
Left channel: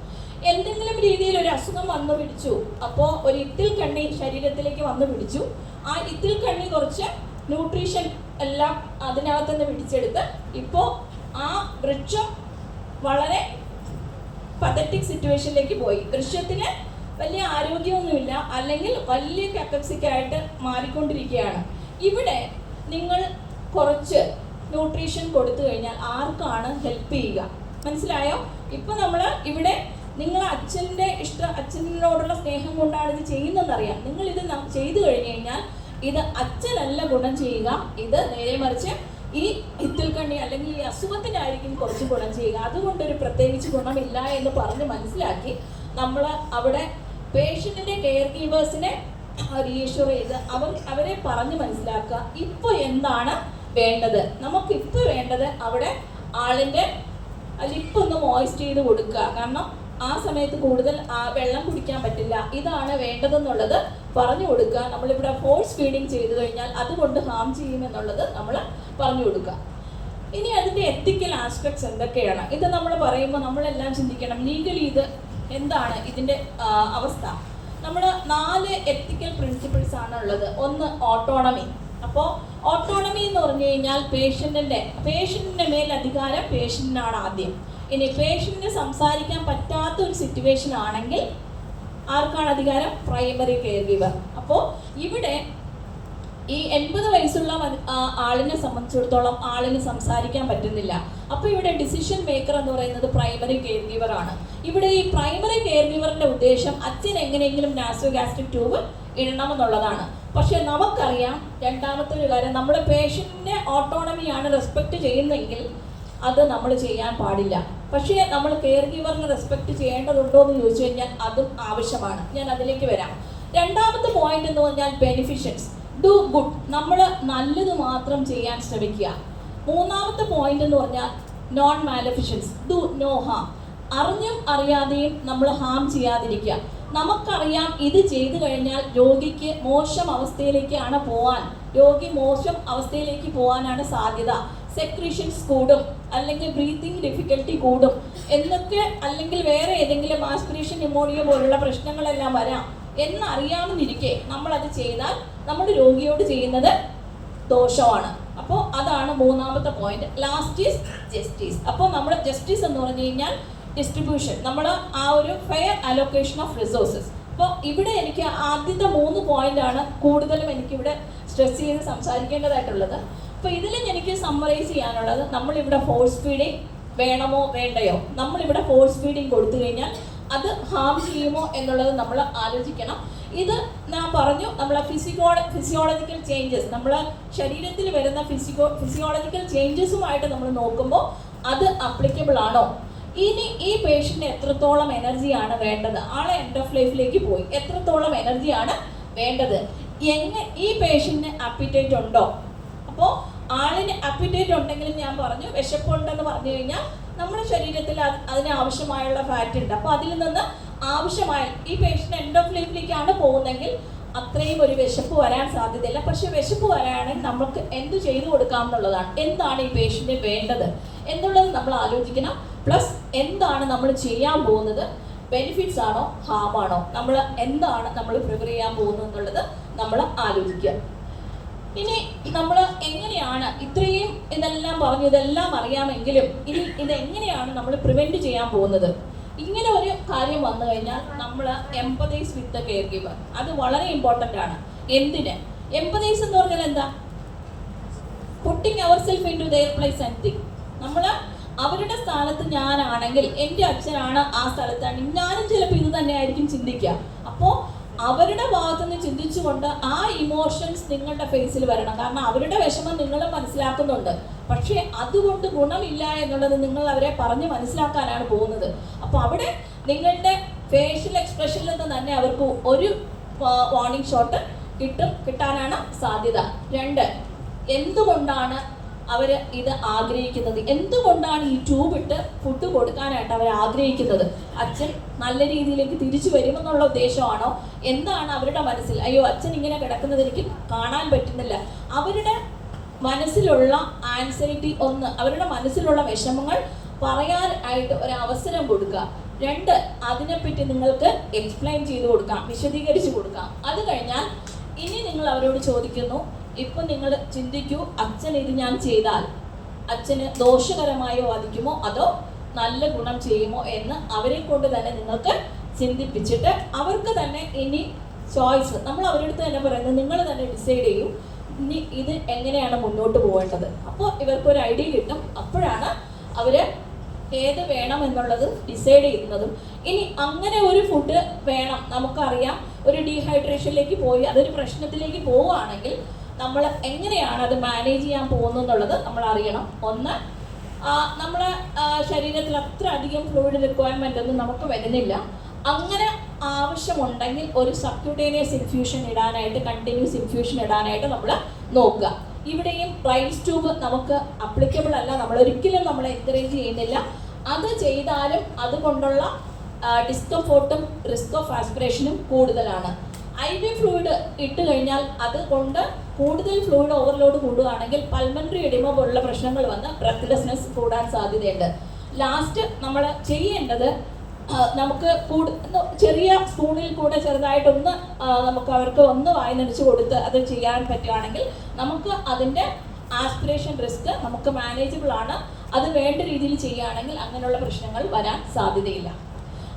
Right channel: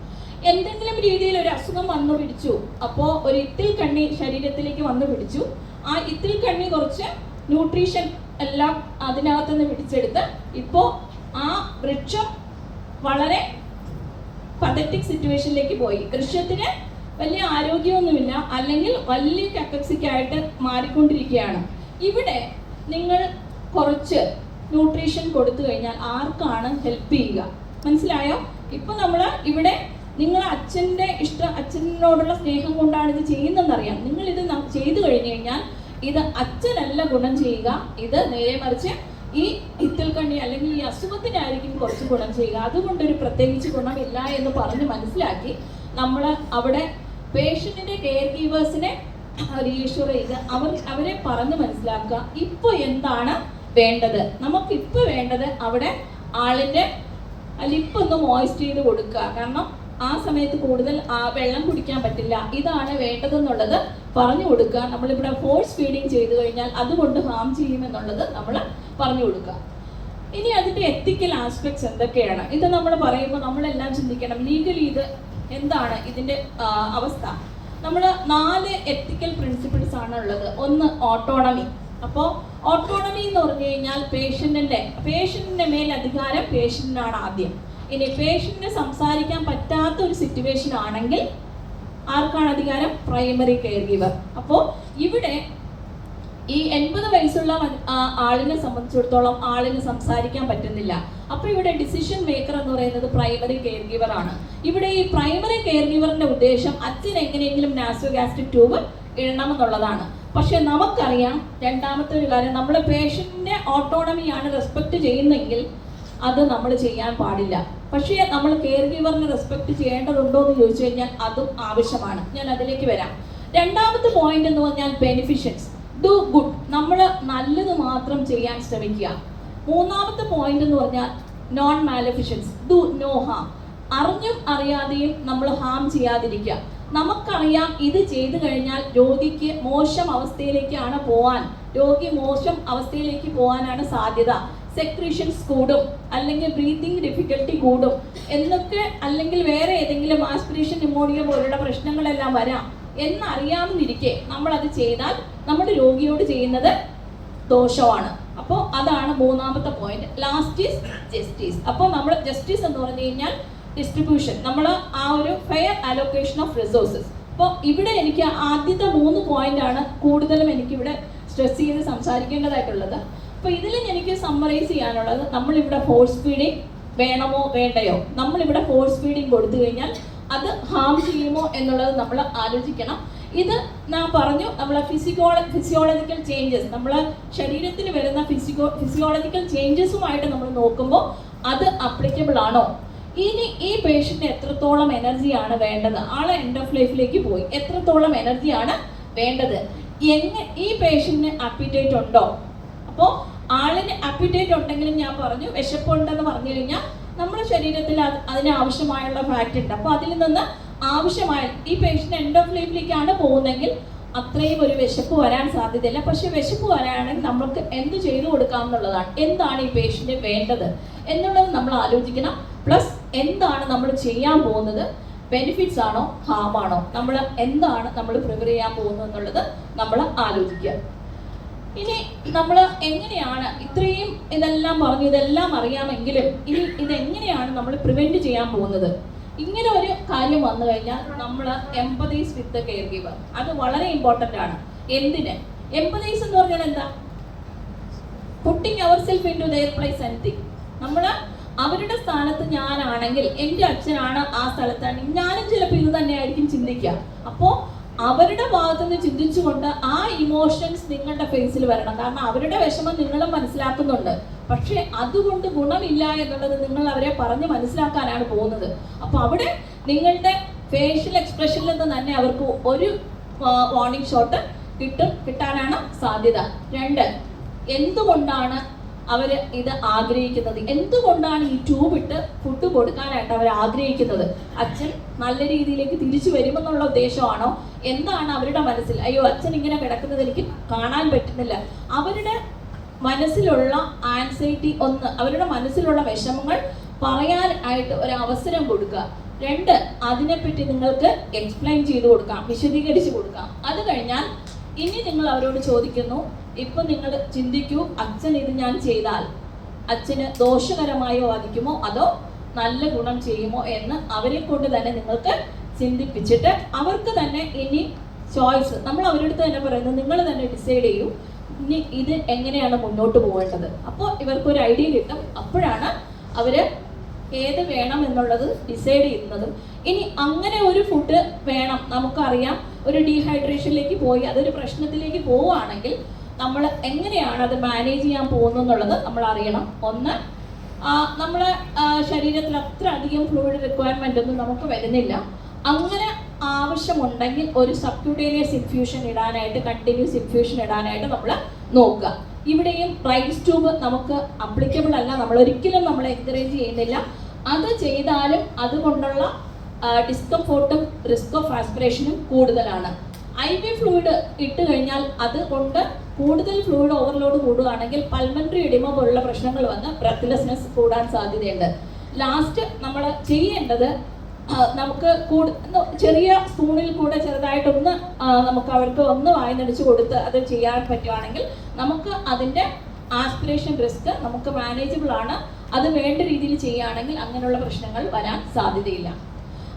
എന്തെങ്കിലും രീതിയിൽ ഒരു അസുഖം വന്നു പിടിച്ചു, അപ്പോൾ ഒരു ഇത്തിൽ കണ്ണി ശരീരത്തിലേക്ക് വന്നു പിടിച്ചു. ആ ഇത്തിൽ കണ്ണി കുറച്ച് ന്യൂട്രീഷൻ എല്ലാം അതിനകത്തുനിന്ന് പിടിച്ചെടുത്ത് ഇപ്പോൾ ആ വൃക്ഷം വളരെ പതറ്റിക് സിറ്റുവേഷനിലേക്ക് പോയി. വൃക്ഷത്തിന് വലിയ ആരോഗ്യമൊന്നുമില്ല, അല്ലെങ്കിൽ വലിയ കക്കപ്സിക്കായിട്ട് മാറിക്കൊണ്ടിരിക്കുകയാണ്. ഇവിടെ നിങ്ങൾ കുറച്ച് ന്യൂട്രീഷൻ കൊടുത്തു കഴിഞ്ഞാൽ ആർക്കാണ് ഹെൽപ്പ് ചെയ്യുക? മനസ്സിലായോ? ഇപ്പൊ നമ്മൾ ഇവിടെ നിങ്ങൾ അച്ഛനോടുള്ള സ്നേഹം കൊണ്ടാണ് ഇത് ചെയ്യുന്നതെന്നറിയാം. നിങ്ങൾ ഇത് ചെയ്തു കഴിഞ്ഞു കഴിഞ്ഞാൽ ഇത് അച്ഛനല്ല ഗുണം ചെയ്യുക, ഇത് നേരെ മറിച്ച് ഈ ഇത്തിൽക്കണ്ണി അല്ലെങ്കിൽ ഈ അസുഖത്തിനായിരിക്കും കുറച്ച് ഗുണം ചെയ്യുക. അതുകൊണ്ടൊരു പ്രത്യേകിച്ച് ഗുണമില്ല എന്ന് പറഞ്ഞ് മനസ്സിലാക്കി നമ്മൾ അവിടെ പേഷ്യന്റിന്റെ കെയർ ഗീവേഴ്സിനെ റീഷുർ ചെയ്ത് അവരെ പറഞ്ഞ് മനസ്സിലാക്കുക. ഇപ്പോൾ എന്താണ് വേണ്ടത്? നമുക്കിപ്പോൾ വേണ്ടത് അവിടെ ആളിന്റെ ലിപ്പൊന്ന് മോയിസ്റ്റ് ചെയ്ത് കൊടുക്കുക. കാരണം ആ സമയത്ത് കൂടുതൽ വെള്ളം കുടിക്കാൻ പറ്റില്ല, ഇതാണ് വേണ്ടതെന്നുള്ളത് പറഞ്ഞു കൊടുക്കുക. നമ്മളിവിടെ ഫോഴ്സ് ഫീഡിങ് ചെയ്തു കഴിഞ്ഞാൽ അതുകൊണ്ട് ഹാം ചെയ്യുമെന്നുള്ളത് നമ്മൾ പറഞ്ഞു കൊടുക്കുക. ഇനി അതിന്റെ എത്തിക്കൽ ആസ്പെക്ട്സ് എന്തൊക്കെയാണ്? ഇത് നമ്മൾ പറയുമ്പോൾ നമ്മളെല്ലാം ചിന്തിക്കണം, ലീഗലി ഇത് എന്താണ് ഇതിന്റെ അവസ്ഥ? നമ്മൾ 4 എത്തിക്കൽ പ്രിൻസിപ്പിൾസ് ആണ് ഉള്ളത്. ഒന്ന് ഓട്ടോണമി. അപ്പോൾ ഓട്ടോണമി എന്ന് പറഞ്ഞു കഴിഞ്ഞാൽ പേഷ്യന്റിന്റെ മേൽ അധികാരം പേഷ്യന്റിനാണ് ആദ്യം. ഇനി പേഷ്യന്റിന് സംസാരിക്കാൻ പറ്റാത്ത ഒരു സിറ്റുവേഷൻ ആണെങ്കിൽ ആർക്കാണ് അധികാരം? Primary care giver. അപ്പോൾ ഇവിടെ ഈ 80 വയസ്സുള്ള ആളിനെ സംബന്ധിച്ചിടത്തോളം ആളിന് സംസാരിക്കാൻ പറ്റുന്നില്ല. അപ്പോൾ ഇവിടെ ഡിസിഷൻ മേക്കർ എന്ന് പറയുന്നത് പ്രൈമറി കെയർ ഗീവർ ആണ്. ഇവിടെ ഈ പ്രൈമറി കെയർ ഗീവറിന്റെ ഉദ്ദേശം അച്ഛൻ എങ്ങനെയെങ്കിലും നാസോഗാസ്ട്രിക് ട്യൂബ് ഇടണം എന്നുള്ളതാണ്. പക്ഷെ നമുക്കറിയാം രണ്ടാമത്തെ ഒരു കാര്യം, നമ്മൾ പേഷ്യന്റിന്റെ ഓട്ടോണമിയാണ് റെസ്പെക്ട് ചെയ്യുന്നതെങ്കിൽ അത് നമ്മൾ ചെയ്യാൻ പാടില്ല. പക്ഷേ നമ്മൾ കെയർ ഗീവറിന് റെസ്പെക്ട് ചെയ്യേണ്ടതുണ്ടോ എന്ന് ചോദിച്ചു കഴിഞ്ഞാൽ അതും ആവശ്യമാണ്. ഞാൻ അതിലേക്ക് വരാം. രണ്ടാമത്തെ പോയിന്റ് എന്ന് പറഞ്ഞാൽ ബെനിഫിഷ്യൻസ്. ഡു ഗുഡ്, നമ്മൾ നല്ലത് മാത്രം ചെയ്യാൻ ശ്രമിക്കുക. മൂന്നാമത്തെ പോയിന്റ് എന്ന് പറഞ്ഞാൽ non maleficence, do no harm. അറിഞ്ഞും അറിയാതെയും നമ്മൾ ഹാം ചെയ്യാതിരിക്കുക. നമുക്കറിയാം ഇത് ചെയ്തു കഴിഞ്ഞാൽ രോഗിക്ക് മോശം അവസ്ഥയിലേക്കാണ് പോകാനാണ് സാധ്യത. സെക്രീഷൻസ് കൂടും, അല്ലെങ്കിൽ ബ്രീത്തിങ് ഡിഫിക്കൽട്ടി കൂടും എന്നൊക്കെ, അല്ലെങ്കിൽ വേറെ ഏതെങ്കിലും ആസ്പിറേഷൻ ന്യൂമോണിയ പോലുള്ള പ്രശ്നങ്ങളെല്ലാം വരാം എന്നറിയാമെന്നിരിക്കെ നമ്മളത് ചെയ്താൽ നമ്മുടെ രോഗിയോട് ചെയ്യുന്നത് ദോഷമാണ്. അപ്പോൾ അതാണ് മൂന്നാമത്തെ പോയിന്റ്. Last is justice. അപ്പോൾ നമ്മൾ ജസ്റ്റിസ് എന്ന് പറഞ്ഞു കഴിഞ്ഞാൽ ഡിസ്ട്രിബ്യൂഷൻ, നമ്മൾ ആ ഒരു ഫെയർ അലോക്കേഷൻ ഓഫ് റിസോഴ്സസ്. അപ്പോൾ ഇവിടെ എനിക്ക് ആദ്യത്തെ 3 പോയിന്റ് ആണ് കൂടുതലും എനിക്കിവിടെ സ്ട്രെസ് ചെയ്ത് സംസാരിക്കേണ്ടതായിട്ടുള്ളത്. അപ്പോൾ ഇതിൽ എനിക്ക് സമ്മറൈസ് ചെയ്യാനുള്ളത്, നമ്മളിവിടെ ഫോഴ്സ് ഫീഡിങ് വേണമോ വേണ്ടയോ? നമ്മളിവിടെ ഫോഴ്സ് ഫീഡിങ് കൊടുത്തു കഴിഞ്ഞാൽ അത് ഹാം ചെയ്യുമോ എന്നുള്ളത് നമ്മൾ ആലോചിക്കണം. ഇത് ഞാൻ പറഞ്ഞു, നമ്മളെ ഫിസിയോളജിക്കൽ ചേഞ്ചസ്, നമ്മളെ ശരീരത്തിൽ വരുന്ന ഫിസിയോളജിക്കൽ ചേഞ്ചസുമായിട്ട് നമ്മൾ നോക്കുമ്പോൾ അത് അപ്ലിക്കബിൾ ആണോ? ഇനി ഈ പേഷ്യന്റ് എത്രത്തോളം എനർജിയാണ് വേണ്ടത്? ആളെ എൻഡ് ഓഫ് ലൈഫിലേക്ക് പോയി, എത്രത്തോളം എനർജിയാണ് വേണ്ടത്? ഈ പേഷ്യന്റിന് അപ്പിറ്റേറ്റ് ഉണ്ടോ? അപ്പോൾ ആളിന് അപ്പിറ്റേറ്റ് ഉണ്ടെങ്കിലും ഞാൻ പറഞ്ഞു വിശപ്പുണ്ടെന്ന് പറഞ്ഞു കഴിഞ്ഞാൽ നമ്മുടെ ശരീരത്തിൽ അതിന് ആവശ്യമായുള്ള ഫാറ്റ് ഉണ്ട്. അപ്പോൾ അതിൽ നിന്ന് ആവശ്യമായ ഈ പേഷ്യന്റ് എൻഡ് ഓഫ് ലൈഫിലേക്കാണ് പോകുന്നതെങ്കിൽ അത്രയും ഒരു വിശപ്പ് വരാൻ സാധ്യതയില്ല. പക്ഷെ വിശപ്പ് വരാണെങ്കിൽ നമുക്ക് എന്ത് ചെയ്തു കൊടുക്കാം എന്നുള്ളതാണ്. എന്താണ് ഈ പേഷ്യന്റിന് വേണ്ടത് എന്നുള്ളത് നമ്മൾ ആലോചിക്കണം. പ്ലസ് എന്താണ് നമ്മൾ ചെയ്യാൻ പോകുന്നത്? ബെനിഫിറ്റ്സ് ആണോ ഹാം ആണോ? എന്താണ് നമ്മൾ പ്രിപ്പയർ ചെയ്യാൻ പോകുന്നത് എന്നുള്ളത് നമ്മൾ ആലോചിക്കുക. ഇനി നമ്മൾ എങ്ങനെയാണ് ഇത്രയും ഇതെല്ലാം പറഞ്ഞു, ഇതെല്ലാം അറിയാമെങ്കിലും ഇനി ഇതെങ്ങനെയാണ് നമ്മൾ പ്രിവെന്റ് ചെയ്യാൻ പോകുന്നത്? ഇങ്ങനെ ഒരു കാര്യം വന്നു കഴിഞ്ഞാൽ നമ്മൾ empathize with the caregiver. അത് വളരെ ഇമ്പോർട്ടൻ്റ് ആണ്. എന്തിന് എംപതൈസ് എന്ന് പറഞ്ഞാൽ എന്താ? Putting our self in to their place and think. നമ്മൾ അവരുടെ സ്ഥാനത്ത് ഞാനാണെങ്കിൽ, എൻ്റെ അച്ഛനാണ് ആ സ്ഥലത്താണെങ്കിൽ ഞാനും ചിലപ്പോൾ ഇത് തന്നെ ആയിരിക്കും ചിന്തിക്കുക. അപ്പോൾ അവരുടെ ഭാഗത്തു നിന്ന് ചിന്തിച്ചുകൊണ്ട് ആ ഇമോഷൻസ് നിങ്ങളുടെ ഫേസിൽ വരണം. കാരണം അവരുടെ വിഷമം നിങ്ങളും മനസ്സിലാക്കുന്നുണ്ട്. പക്ഷെ അതുകൊണ്ട് ഗുണമില്ല എന്നുള്ളത് നിങ്ങൾ അവരെ പറഞ്ഞ് മനസ്സിലാക്കാനാണ് പോകുന്നത്. അപ്പോൾ അവിടെ നിങ്ങളുടെ ഫേഷ്യൽ എക്സ്പ്രഷനിൽ നിന്ന് തന്നെ അവർക്ക് ഒരു വാർണിംഗ് ഷോട്ട് കിട്ടാനാണ് സാധ്യത. 2, എന്തുകൊണ്ടാണ് അവർ ഇത് ആഗ്രഹിക്കുന്നത്? എന്തുകൊണ്ടാണ് ഈ ട്യൂബ് ഇട്ട് ഫുഡ് കൊടുക്കാനായിട്ട് അവർ ആഗ്രഹിക്കുന്നത്? അച്ഛൻ നല്ല രീതിയിലേക്ക് തിരിച്ചു വരുമെന്നുള്ള ഉദ്ദേശമാണോ? എന്താണ് അവരുടെ മനസ്സിൽ? അയ്യോ, അച്ഛൻ ഇങ്ങനെ കിടക്കുന്നത് എനിക്ക് കാണാൻ പറ്റുന്നില്ല. അവരുടെ മനസ്സിലുള്ള ആൻസൈറ്റി, അവരുടെ മനസ്സിലുള്ള വിഷമങ്ങൾ പറയാൻ ആയിട്ട് ഒരു അവസരം കൊടുക്കുക. 2, അതിനെപ്പറ്റി നിങ്ങൾക്ക് എക്സ്പ്ലെയിൻ ചെയ്ത് കൊടുക്കാം, വിശദീകരിച്ച് കൊടുക്കാം. അത് കഴിഞ്ഞാൽ ഇനി നിങ്ങൾ അവരോട് ചോദിക്കുന്നു, ഇപ്പൊ നിങ്ങൾ ചിന്തിക്കൂ, അച്ഛൻ ഇത് ഞാൻ ചെയ്താൽ അച്ഛന് ദോഷകരമായി ബാധിക്കുമോ അതോ നല്ല ഗുണം ചെയ്യുമോ എന്ന് അവരെ കൊണ്ട് തന്നെ നിങ്ങൾക്ക് ചിന്തിപ്പിച്ചിട്ട് അവർക്ക് തന്നെ ഇനി ചോയ്സ്, നമ്മൾ അവരുടെ അടുത്ത് തന്നെ പറയുന്നത്, നിങ്ങൾ തന്നെ ഡിസൈഡ് ചെയ്യൂ ഇനി ഇത് എങ്ങനെയാണ് മുന്നോട്ട് പോകേണ്ടത്. അപ്പോൾ ഇവർക്കൊരു ഐഡിയ കിട്ടും. അപ്പോഴാണ് അവര് ഏത് വേണം എന്നുള്ളത് ഡിസൈഡ് ചെയ്യുന്നതും. ഇനി അങ്ങനെ ഒരു ഫുഡ് വേണം, നമുക്കറിയാം ഒരു ഡീഹൈഡ്രേഷനിലേക്ക് പോയി അതൊരു പ്രശ്നത്തിലേക്ക് പോവുകയാണെങ്കിൽ നമ്മൾ എങ്ങനെയാണ് അത് മാനേജ് ചെയ്യാൻ പോകുന്നത് എന്നുള്ളത് നമ്മൾ അറിയണം. ഒന്ന്, നമ്മുടെ ശരീരത്തിൽ അത്ര അധികം ഫ്ലൂയിഡ് റിക്വയർമെൻ്റ് ഒന്നും നമുക്ക് വരുന്നില്ല. അങ്ങനെ ആവശ്യമുണ്ടെങ്കിൽ ഒരു സബ്ക്യൂട്ടേനിയസ് ഇൻഫ്യൂഷൻ ഇടാനായിട്ട്, കണ്ടിന്യൂസ് ഇൻഫ്യൂഷൻ ഇടാനായിട്ട് നമ്മൾ നോക്കുക. ഇവിടെയും റൈസ് ട്യൂബ് നമുക്ക് അപ്ലിക്കബിൾ അല്ല, നമ്മൾ എൻകറേജ് ചെയ്യുന്നില്ല. അത് ചെയ്താലും അതുകൊണ്ടുള്ള ഡിസ്കംഫോർട്ടും റിസ്ക് ഓഫ് ആസ്പിറേഷനും കൂടുതലാണ്. IV ഫ്ലൂയിഡ് ഇട്ട് കഴിഞ്ഞാൽ അതുകൊണ്ട് കൂടുതൽ ഫ്ലൂയിഡ് ഓവർലോഡ് കൂടുകയാണെങ്കിൽ പൾമണറി എഡിമ പോലുള്ള പ്രശ്നങ്ങൾ വന്ന് ബ്രെത്ത്ലെസ്നെസ് കൂടാൻ സാധ്യതയുണ്ട്. ലാസ്റ്റ് നമ്മൾ ചെയ്യേണ്ടത് നമുക്ക് ചെറിയ സ്പൂണിൽ കൂടെ ചെറുതായിട്ടൊന്ന് നമുക്ക് അവർക്ക് ഒന്ന് വായനടിച്ച് കൊടുത്ത് അത് ചെയ്യാൻ പറ്റുവാണെങ്കിൽ നമുക്ക് അതിൻ്റെ ആസ്പിറേഷൻ റിസ്ക് നമുക്ക് മാനേജബിൾ ആണ്. അത് വേണ്ട രീതിയിൽ ചെയ്യുകയാണെങ്കിൽ അങ്ങനെയുള്ള പ്രശ്നങ്ങൾ വരാൻ സാധ്യതയില്ല.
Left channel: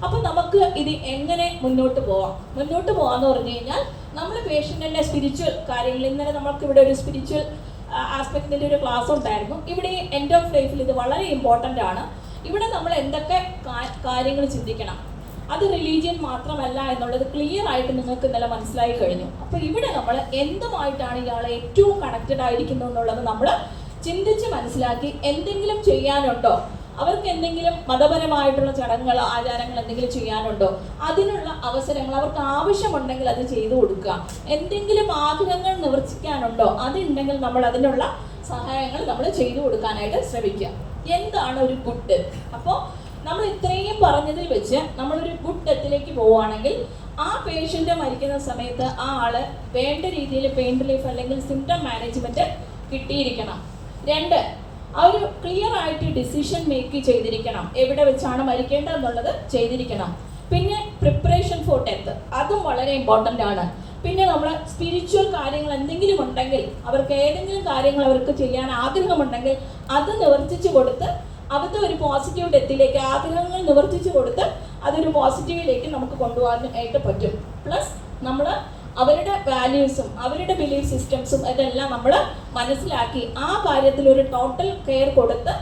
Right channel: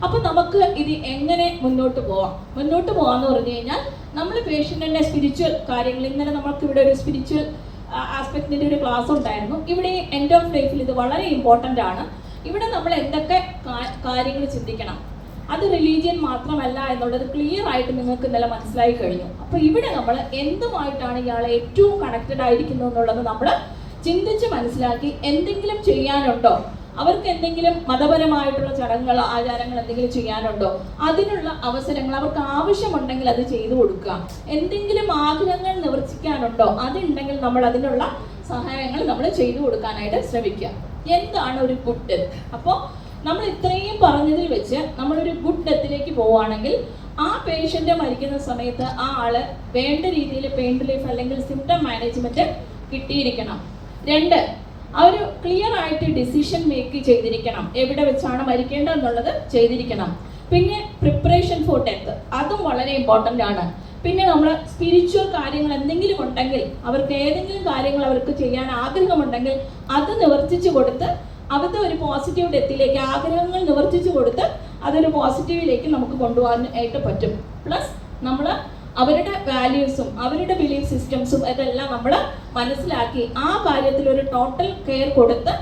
അപ്പൊ നമുക്ക് ഇത് എങ്ങനെ മുന്നോട്ട് പോകാന്ന് പറഞ്ഞു കഴിഞ്ഞാൽ നമ്മൾ പേഷ്യന്റിന്റെ സ്പിരിച്വൽ കാര്യങ്ങൾ, ഇന്നലെ നമുക്ക് ഇവിടെ ഒരു സ്പിരിച്വൽ ആസ്പെക്ടിന്റെ ഒരു ക്ലാസ് ഉണ്ടായിരുന്നു. ഇവിടെ എൻഡ് ഓഫ് ലൈഫിൽ ഇത് വളരെ ഇമ്പോർട്ടൻ്റ് ആണ്. ഇവിടെ നമ്മൾ എന്തൊക്കെ കാര്യങ്ങൾ ചിന്തിക്കണം, അത് റിലീജിയൻ മാത്രമല്ല എന്നുള്ളത് ക്ലിയർ ആയിട്ട് നിങ്ങൾക്ക് ഇന്നലെ മനസ്സിലായി കഴിഞ്ഞു. അപ്പൊ ഇവിടെ നമ്മൾ എന്തുമായിട്ടാണ് ഇയാളെ ഏറ്റവും കണക്റ്റഡ് ആയിരിക്കുന്നത് എന്നുള്ളത് നമ്മൾ ചിന്തിച്ച് മനസ്സിലാക്കി എന്തെങ്കിലും ചെയ്യാനുണ്ടോ, അവർക്ക് എന്തെങ്കിലും മതപരമായിട്ടുള്ള ചടങ്ങുകളോ ആചാരങ്ങൾ എന്തെങ്കിലും ചെയ്യാനുണ്ടോ, അതിനുള്ള അവസരങ്ങൾ അവർക്ക് ആവശ്യമുണ്ടെങ്കിൽ അത് ചെയ്തു കൊടുക്കുക. എന്തെങ്കിലും ആഗ്രഹങ്ങൾ നിവർത്തിക്കാനുണ്ടോ, അതുണ്ടെങ്കിൽ നമ്മൾ അതിനുള്ള സഹായങ്ങൾ നമ്മൾ ചെയ്തു കൊടുക്കാനായിട്ട് ശ്രമിക്കുക. എന്താണ് ഒരു ഗുഡ് ഡെത്ത്? അപ്പോൾ നമ്മൾ ഇത്രയും പറഞ്ഞതിൽ വെച്ച് നമ്മളൊരു ഗുഡ് ഡെത്തിലേക്ക് പോവുകയാണെങ്കിൽ ആ പേഷ്യന്റ് മരിക്കുന്ന സമയത്ത് ആ ആള് വേണ്ട രീതിയിൽ പെയിൻ റിലീഫ് അല്ലെങ്കിൽ സിംറ്റം മാനേജ്മെന്റ് കിട്ടിയിരിക്കണം. 2, ആ ഒരു ക്ലിയർ ആയിട്ട് ഡിസിഷൻ മേക്ക് ചെയ്തിരിക്കണം, എവിടെ വെച്ചാണ് മരിക്കേണ്ടത് എന്നുള്ളത് ചെയ്തിരിക്കണം. പിന്നെ പ്രിപ്പറേഷൻ ഫോർ ഡെത്ത്, അതും വളരെ ഇമ്പോർട്ടൻ്റ് ആണ്. പിന്നെ നമ്മൾ സ്പിരിച്വൽ കാര്യങ്ങൾ എന്തെങ്കിലും ഉണ്ടെങ്കിൽ, അവർക്ക് ഏതെങ്കിലും കാര്യങ്ങൾ അവർക്ക് ചെയ്യാൻ ആഗ്രഹമുണ്ടെങ്കിൽ അത് നിവർത്തിച്ചു കൊടുത്ത് അവരുടെ ഒരു പോസിറ്റീവ് ഡെത്തിലേക്ക്, ആഗ്രഹങ്ങൾ നിവർത്തിച്ചു കൊടുത്ത് അതൊരു പോസിറ്റീവിലേക്ക് നമുക്ക് കൊണ്ടുപോകാനായിട്ട് പറ്റും. പ്ലസ് നമ്മൾ അവരുടെ വാല്യൂസും അവരുടെ ബിലീഫ് സിസ്റ്റംസും ഇതെല്ലാം നമ്മൾ മനസ്സിലാക്കി ആ കാര്യത്തിൽ ഒരു ടോട്ടൽ കെയർ കൊടുത്ത്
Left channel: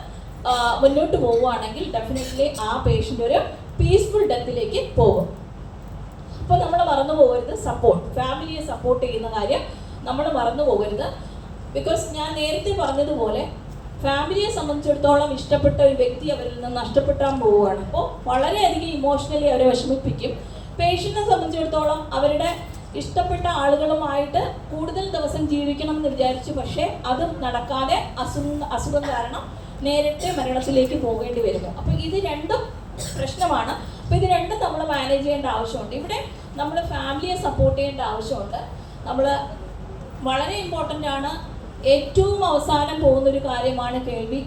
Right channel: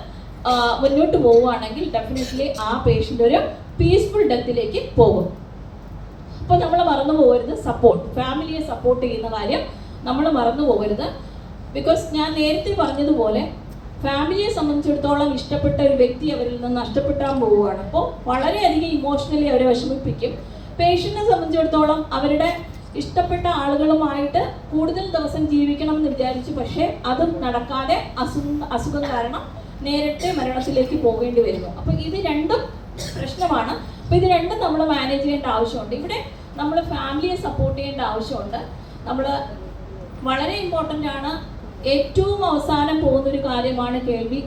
മുന്നോട്ട് പോവുകയാണെങ്കിൽ ഡെഫിനറ്റ്ലി ആ പേഷ്യൻ്റ് ഒരു പീസ്ഫുൾ ഡെത്തിലേക്ക് പോകും. അപ്പോൾ നമ്മൾ മറന്നു പോകരുത് സപ്പോർട്ട്, ഫാമിലിയെ സപ്പോർട്ട് ചെയ്യുന്ന കാര്യം നമ്മൾ മറന്നു പോകരുത്. ബിക്കോസ് ഞാൻ നേരത്തെ പറഞ്ഞതുപോലെ ഫാമിലിയെ സംബന്ധിച്ചിടത്തോളം ഇഷ്ടപ്പെട്ട ഒരു വ്യക്തി അവരിൽ നിന്ന് നഷ്ടപ്പെട്ടാൻ പോവുകയാണ്. അപ്പോൾ വളരെയധികം ഇമോഷണലി അവരെ വിഷമിപ്പിക്കും. പേഷ്യന്റിനെ സംബന്ധിച്ചിടത്തോളം അവരുടെ ഇഷ്ടപ്പെട്ട ആളുകളുമായിട്ട് കൂടുതൽ ദിവസം ജീവിക്കണം എന്ന് വിചാരിച്ചു, പക്ഷേ അത് നടക്കാതെ അസുഖം കാരണം നേരത്തെ മരണത്തിലേക്ക് പോകേണ്ടി വരുന്നു. അപ്പോൾ ഇത് രണ്ടും പ്രശ്നമാണ്. അപ്പോൾ ഇത് രണ്ടും നമ്മൾ മാനേജ് ചെയ്യേണ്ട ആവശ്യമുണ്ട്. ഇവിടെ നമ്മൾ ഫാമിലിയെ സപ്പോർട്ട് ചെയ്യേണ്ട ആവശ്യമുണ്ട്. നമ്മൾ വളരെ ഇമ്പോർട്ടൻ്റ് ആണ്. ഏറ്റവും അവസാനം പോകുന്നൊരു കാര്യമാണ് കേൾവി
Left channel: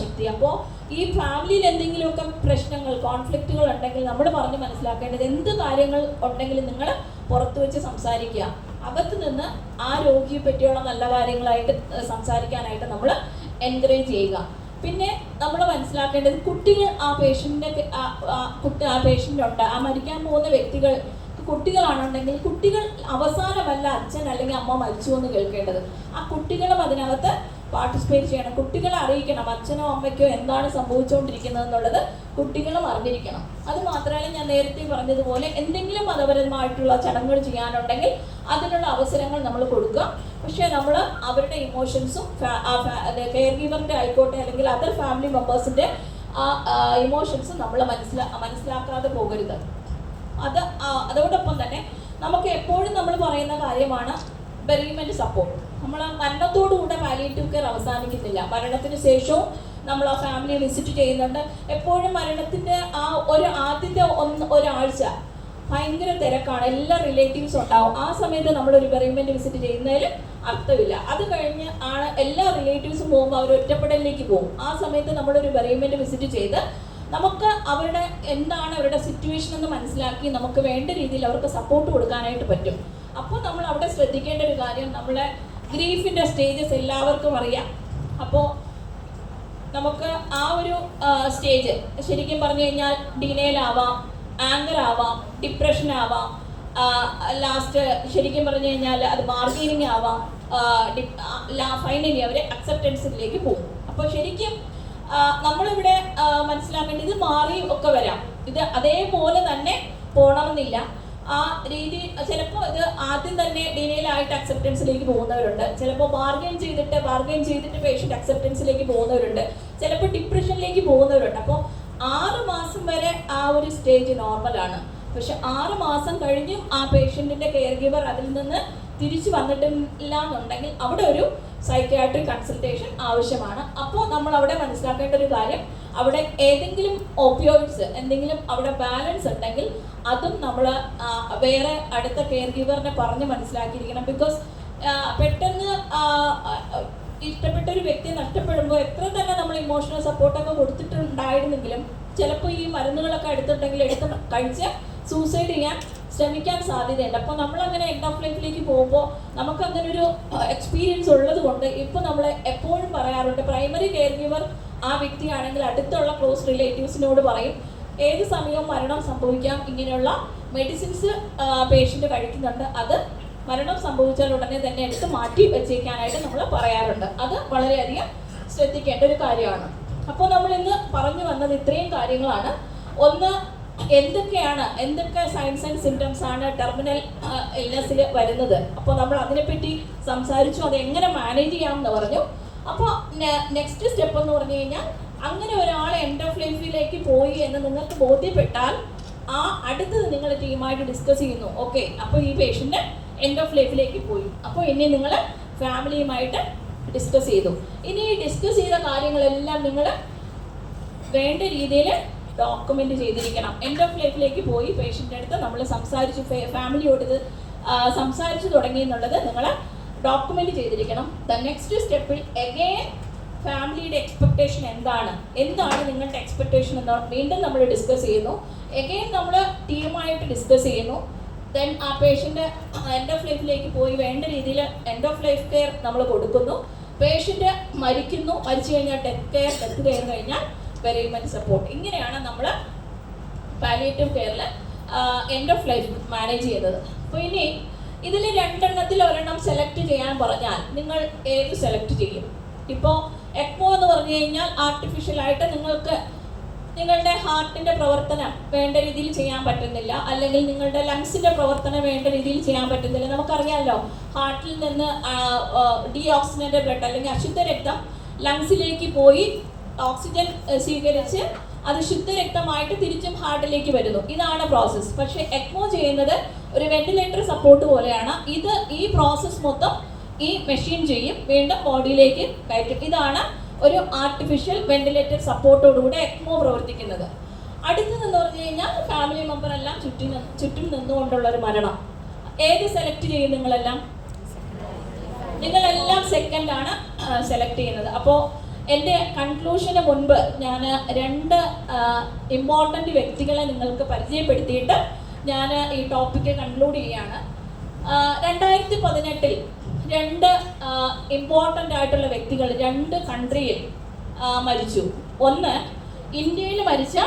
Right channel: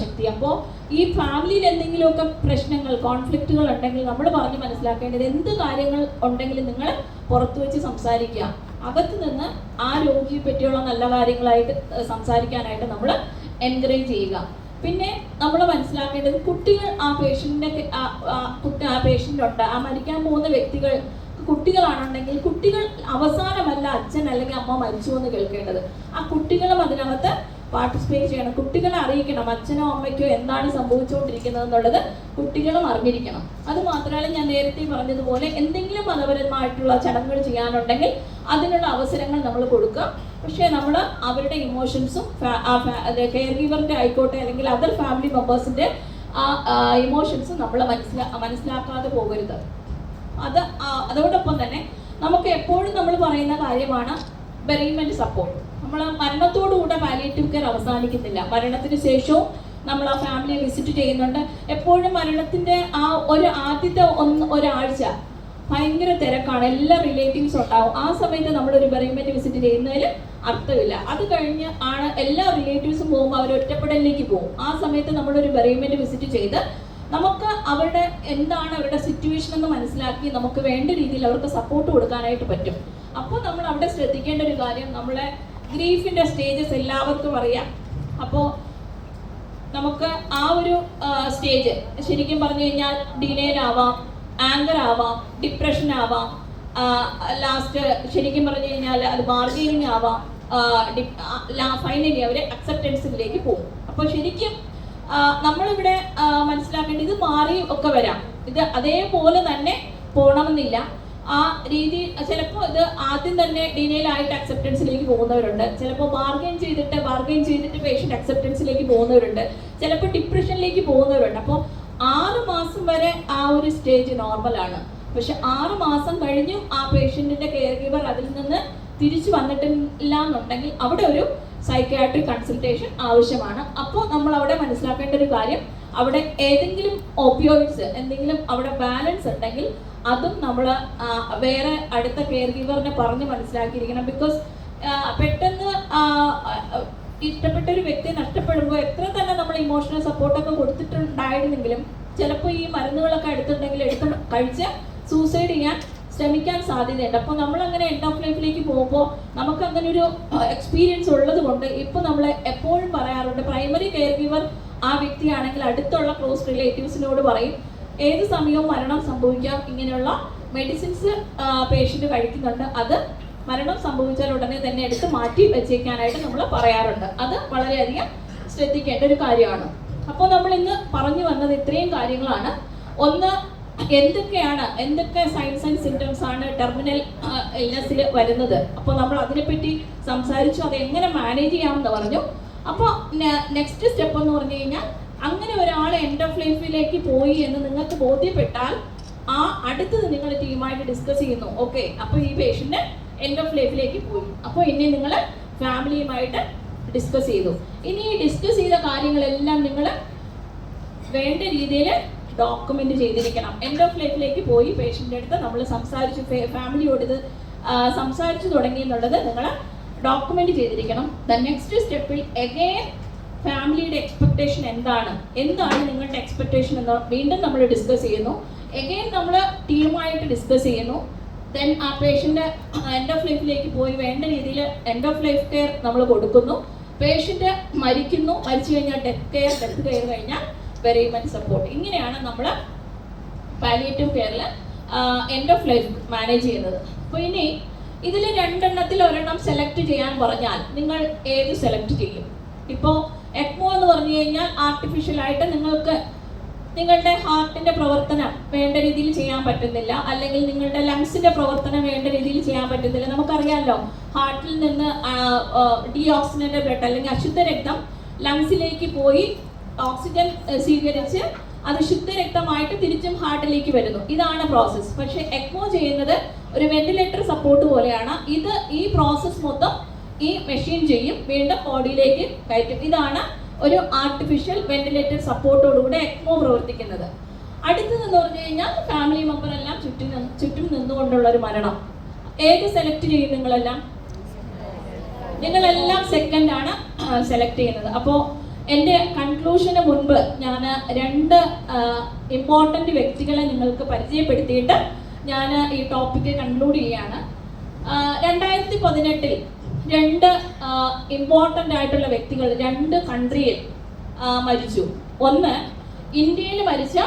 ശക്തി. അപ്പോൾ ഈ ഫാമിലിയിൽ എന്തെങ്കിലുമൊക്കെ പ്രശ്നങ്ങൾ, കോൺഫ്ലിക്റ്റുകൾ ഉണ്ടെങ്കിൽ നമ്മൾ പറഞ്ഞ് മനസ്സിലാക്കേണ്ടത്, എന്ത് കാര്യങ്ങൾ ഉണ്ടെങ്കിലും നിങ്ങൾ പുറത്തു വെച്ച് സംസാരിക്കുക. അകത്ത് നിന്ന് ആ രോഗിയെ പറ്റിയുള്ള നല്ല കാര്യങ്ങളായിട്ട് സംസാരിക്കാനായിട്ട് നമ്മൾ എൻകറേജ് ചെയ്യുക. പിന്നെ നമ്മൾ മനസ്സിലാക്കേണ്ടത്, കുട്ടികൾ ആ പേഷ്യൻ്റിൻ്റെ ആ പേഷ്യൻ്റുണ്ട്, ആ മരിക്കാൻ പോകുന്ന വ്യക്തികൾ കുട്ടികളാണെന്നുണ്ടെങ്കിൽ കുട്ടികൾ അവസാനമല്ല അച്ഛൻ അല്ലെങ്കിൽ അമ്മ മരിച്ചു എന്ന് കേൾക്കേണ്ടത്. ആ കുട്ടികളും അതിനകത്ത് പാർട്ടിസിപ്പേറ്റ് ചെയ്യണം. കുട്ടികളെ അറിയിക്കണം അച്ഛനോ അമ്മയ്ക്കോ എന്താണ് സംഭവിച്ചുകൊണ്ടിരിക്കുന്നത് എന്നുള്ളത് കുട്ടികളും അറിഞ്ഞിരിക്കണം. അത് മാത്രമല്ല, ഞാൻ നേരത്തെ പറഞ്ഞതുപോലെ എന്തെങ്കിലും മതപരമായിട്ടുള്ള ചടങ്ങുകൾ ചെയ്യാനുണ്ടെങ്കിൽ അതിനുള്ള അവസരങ്ങൾ നമ്മൾ കൊടുക്കുക. പക്ഷേ നമ്മൾ അവരുടെ ഇമോഷൻസും കെയർ ഗീവറിൻ്റെ ആയിക്കോട്ടെ അല്ലെങ്കിൽ അതർ ഫാമിലി മെമ്പേഴ്സിൻ്റെ ആ ഇമോഷൻസും നമ്മൾ മനസ്സിലാക്കാതെ പോകരുത്. അതോടൊപ്പം തന്നെ നമുക്ക് എപ്പോഴും നമ്മൾ പറയുന്ന കാര്യമാണ് ബെറീമെന്റ് സപ്പോർട്ട്. നമ്മൾ മരണത്തോടുകൂടെ പാലിയേറ്റീവ് കെയർ അവസാനിക്കുന്നില്ല. മരണത്തിന് ശേഷവും നമ്മൾ ആ ഫാമിലിയെ വിസിറ്റ് ചെയ്യുന്നുണ്ട്. എപ്പോഴും മരണത്തിന്റെ ആ ഒരു ആദ്യത്തെ ഒരാഴ്ച ഭയങ്കര തിരക്കാണ്, എല്ലാ റിലേറ്റീവ്സും ഉണ്ടാവും. ആ സമയത്ത് നമ്മളൊരു ബെറീമെന്റ് വിസിറ്റ് ചെയ്യുന്നതിൽ അർത്ഥമില്ല. അത് കഴിഞ്ഞ് ആണ് എല്ലാ റിലേറ്റീവ്സും പോകുമ്പോൾ അവർ ഒറ്റപ്പെടലിലേക്ക് പോകും. ആ സമയത്ത് നമ്മളൊരു ബെറീമെന്റ് വിസിറ്റ് ചെയ്ത് നമുക്ക് അവരുടെ എന്താണ് അവരുടെ സിറ്റുവേഷൻ എന്ന് മനസ്സിലാക്കി നമുക്ക് വേണ്ട രീതിയിൽ അവർക്ക് സപ്പോർട്ട് കൊടുക്കാനായിട്ട് പറ്റും. അപ്പോൾ നമ്മൾ അവിടെ ശ്രദ്ധിക്കേണ്ട ഒരു കാര്യം, നമ്മുടെ ഗ്രീഫിൻ്റെ സ്റ്റേജസ് എല്ലാവർക്കും അറിയാം. അപ്പോൾ നമുക്ക് ആ ഒരു സ്റ്റേജ് ശരിക്കും പറഞ്ഞു കഴിഞ്ഞാൽ ഡിനൈൽ ആവാം, ആങ്കർ ആവാം, ഡിപ്രഷൻ ആവാം, ലാസ്റ്റ് ശരിക്കും പറഞ്ഞു കഴിഞ്ഞാൽ അത് ബാർഗെയിനിങ് ആവാം, ഫൈനലി അവർ അക്സെപ്റ്റൻസിലേക്ക് പോകും. അപ്പോൾ ശരിക്കും നമ്മളിവിടെ മനസ്സിലാക്കേണ്ടത്, ഇത് മാറിയും ഒക്കെ വരാം, ഇത് അതേപോലെ തന്നെ പോകണമെന്നില്ല. ആ രീതി ചിലപ്പോൾ ഇത് ആദ്യം തന്നെ ഡിനൈലായിട്ട് അക്സെപ്റ്റൻസിലേക്ക് പോകുന്നവരുണ്ട്, ചിലപ്പോൾ ബാർഗെയിൻ ചെയ്തിട്ട് പേഷ്യൻ്റ് അക്സെപ്റ്റൻസിലേക്ക് പോകുന്നവരുണ്ട്, ചിലപ്പോൾ ഡിപ്രഷനിലേക്ക് പോകുന്നവരുണ്ട്. അപ്പോൾ 6 മാസം വരെ ആ ഒരു സ്റ്റേജ് നോർമലാണ്. പക്ഷെ 6 മാസം കഴിഞ്ഞും ആ പേഷ്യൻറ്റിൻ്റെ കെയർ ഗിവർ അതിൽ നിന്ന് തിരിച്ചു വന്നിട്ടില്ല എന്നുണ്ടെങ്കിൽ അവിടെ ഒരു സൈക്യാട്രിക് കൺസൾട്ടേഷൻ ആവശ്യമാണ്. അപ്പോൾ നമ്മൾ അവിടെ മനസ്സിലാക്കേണ്ട ഒരു കാര്യം, അവിടെ ഏതെങ്കിലും ഓപ്പിയോയിഡ്സ് എന്തെങ്കിലും അവിടെ ബാലൻസ് ഉണ്ടെങ്കിൽ അതും നമ്മൾ വേറെ അടുത്ത കെയർ ഗിവറിനെ പറഞ്ഞ് മനസ്സിലാക്കിയിരിക്കണം. ബിക്കോസ് പെട്ടെന്ന് ഇഷ്ടപ്പെട്ട ഒരു വ്യക്തിയെ നഷ്ടപ്പെടുമ്പോൾ എത്ര തന്നെ നമ്മൾ ഇമോഷണൽ സപ്പോർട്ടൊക്കെ കൊടുത്തിട്ടുണ്ടായിട്ട് ഉണ്ടായിരുന്നെങ്കിലും ചിലപ്പോൾ ഈ മരുന്നുകളൊക്കെ എടുത്തിട്ടുണ്ടെങ്കിൽ കഴിച്ച് സൂസൈഡ് ചെയ്യാൻ ശ്രമിക്കാൻ സാധ്യതയുണ്ട്. അപ്പോൾ നമ്മൾ അങ്ങനെ എൻഡ് ഓഫ് ലൈഫിലേക്ക് പോകുമ്പോൾ നമുക്ക് അങ്ങനെ ഒരു എക്സ്പീരിയൻസ് ഉള്ളത് കൊണ്ട് ഇപ്പോൾ നമ്മൾ എപ്പോഴും പറയാറുണ്ട്, പ്രൈമറി കെയർ ഗിവർ ആ വ്യക്തിയാണെങ്കിൽ അടുത്തുള്ള ക്ലോസ് റിലേറ്റീവ്സിനോട് പറയും ഏത് സമയവും മരണം സംഭവിക്കാം, ഇങ്ങനെയുള്ള മെഡിസിൻസ് പേഷ്യൻ്റ് കഴിക്കുന്നുണ്ട്, അത് മരണം സംഭവിച്ചാൽ ഉടനെ തന്നെ എടുത്ത് മാറ്റി വെച്ചേക്കാനായിട്ട് നമ്മൾ പറയാറുണ്ട്. അത് വളരെയധികം ശ്രദ്ധിക്കേണ്ട ഒരു കാര്യമാണ്. അപ്പോൾ നമ്മൾ ഇന്ന് പറഞ്ഞു വന്നത് ഇത്രയും കാര്യങ്ങളാണ്. ഒന്ന്, എന്തൊക്കെ സൈൻസ് ആൻഡ് സിംറ്റംസ് ആണ് ടെർമിനൽ ഇൽനെസ്സിൽ വരുന്നത്. അപ്പോൾ നമ്മൾ അതിനെപ്പറ്റി സംസാരിച്ചു, അത് എങ്ങനെ മാനേജ് ചെയ്യാമെന്ന് പറഞ്ഞു. അപ്പോൾ നെക്സ്റ്റ് സ്റ്റെപ്പ് എന്ന് പറഞ്ഞു കഴിഞ്ഞാൽ, അങ്ങനെ ഒരാൾ എൻഡ് ഓഫ് ലൈഫിലേക്ക് പോയി എന്ന് നിങ്ങൾക്ക് ബോധ്യപ്പെട്ടാൽ ആ അടുത്തത് നിങ്ങൾ ടീമായിട്ട് ഡിസ്കസ് ചെയ്യുന്നു. ഓക്കെ, അപ്പോൾ ഈ പേഷ്യൻ്റ് എൻഡ് ഓഫ് ലൈഫിലേക്ക് പോയി, അപ്പോൾ ഇനി നിങ്ങൾ ഫാമിലിയുമായിട്ട് ഡിസ്കസ് ചെയ്തു. ഇനി ഈ ഡിസ്കസ് ചെയ്ത കാര്യങ്ങളെല്ലാം നിങ്ങൾ വേണ്ട രീതിയിൽ ഡോക്യുമെന്റ് ചെയ്തിരിക്കണം. എൻഡ് ഓഫ് ലൈഫിലേക്ക് പോയി പേഷ്യൻ്റെ അടുത്ത് നമ്മൾ സംസാരിച്ചു, ഫാമിലിയോട് ഇത് സംസാരിച്ചു തുടങ്ങി എന്നുള്ളത് നിങ്ങൾ ഡോക്യുമെന്റ് ചെയ്തിരിക്കണം. ദ നെക്സ്റ്റ് സ്റ്റെപ്പിൽ എഗെയിൻ ഫാമിലിയുടെ എക്സ്പെക്ടേഷൻ എന്താണ് നിങ്ങളുടെ എക്സ്പെക്ടേഷൻ എന്ന് വീണ്ടും നമ്മൾ ഡിസ്കസ് ചെയ്യുന്നു. എഗെയിൻ നമ്മൾ ടീമായിട്ട് ഡിസ്കസ് ചെയ്യുന്നു. ദെൻ ആ പേഷ്യൻ്റ് എൻഡ് ഓഫ് ലൈഫിലേക്ക് പോയി വേണ്ട രീതിയിൽ എൻഡ് ഓഫ് ലൈഫ് കെയർ നമ്മൾ കൊടുക്കുന്നു. പേഷ്യൻ്റ് മരിച്ചു കഴിഞ്ഞാൽ ഡെത്ത് കെയർ കഴിഞ്ഞാൽ വെരിമെന്റ് സപ്പോർട്ട്. ഇങ്ങനെയാണ് നമ്മൾ പാലിയേറ്റീവ് കെയറിൽ എൻഡ് ഓഫ് ലൈഫ് മാനേജ് ചെയ്യുന്നത്. അപ്പോൾ ഇനി ഇതിൽ രണ്ടെണ്ണത്തിൽ ഒരെണ്ണം സെലക്ട് ചെയ്യാൻ പറഞ്ഞാൽ നിങ്ങൾ ഏത് സെലക്ട് ചെയ്യും? ഇപ്പോൾ എക്മോ എന്ന് പറഞ്ഞു കഴിഞ്ഞാൽ ആർട്ടിഫിഷ്യലായിട്ട് നിങ്ങൾക്ക് നിങ്ങളുടെ ഹാർട്ടിന്റെ പ്രവർത്തനം വേണ്ട രീതിയിൽ ചെയ്യാൻ പറ്റുന്നില്ല, അല്ലെങ്കിൽ നിങ്ങളുടെ ലങ്സിന്റെ പ്രവർത്തനം വേണ്ട രീതിയിൽ ചെയ്യാൻ പറ്റുന്നില്ല. നമുക്കറിയാമല്ലോ, ഹാർട്ടിൽ നിന്ന് ഡീഓക്സിജനേറ്റഡ് ബ്ലഡ് അല്ലെങ്കിൽ അശുദ്ധ രക്തം ലങ്സിലേക്ക് പോയി ഓക്സിജൻ സ്വീകരിച്ച് അത് ശുദ്ധരക്തമായിട്ട് തിരിച്ചും ഹാർട്ടിലേക്ക് വരുന്നു. ഇതാണ് പ്രോസസ്സ്. പക്ഷെ എക്മോ ചെയ്യുന്നത് ഒരു വെന്റിലേറ്റർ സപ്പോർട്ട് പോലെയാണ്. ഈ പ്രോസസ്സ് മൊത്തം ഈ മെഷീൻ ചെയ്യും, വീണ്ടും ബോഡിയിലേക്ക് കയറ്റും. ഇതാണ് ഒരു ആർട്ടിഫിഷ്യൽ വെന്റിലേറ്റർ സപ്പോർട്ടോടുകൂടെ എക്മോ പ്രവർത്തിക്കുന്നത്. അടുത്തതെന്ന് പറഞ്ഞു കഴിഞ്ഞാൽ ഫാമിലി മെമ്പർ എല്ലാം ചുറ്റും നിന്നുകൊണ്ടുള്ള ഒരു മരണം. ഏത് സെലക്ട് ചെയ്യും? നിങ്ങളെല്ലാം സെക്കൻഡ് ആണ് സെലക്ട് ചെയ്യുന്നത്. അപ്പോൾ എൻ്റെ കൺക്ലൂഷന് മുൻപ് ഞാൻ രണ്ട് ഇമ്പോർട്ടൻ്റ് വ്യക്തികളെ നിങ്ങൾക്ക് പരിചയപ്പെടുത്തിയിട്ട് ഞാൻ ഈ ടോപ്പിക്ക് കൺക്ലൂഡ് ചെയ്യുകയാണ്. 2018 രണ്ട് ഇമ്പോർട്ടൻ്റ് ആയിട്ടുള്ള വ്യക്തികൾ രണ്ട് കൺട്രിയിൽ മരിച്ചു. ഒന്ന്, ഇന്ത്യയിൽ മരിച്ച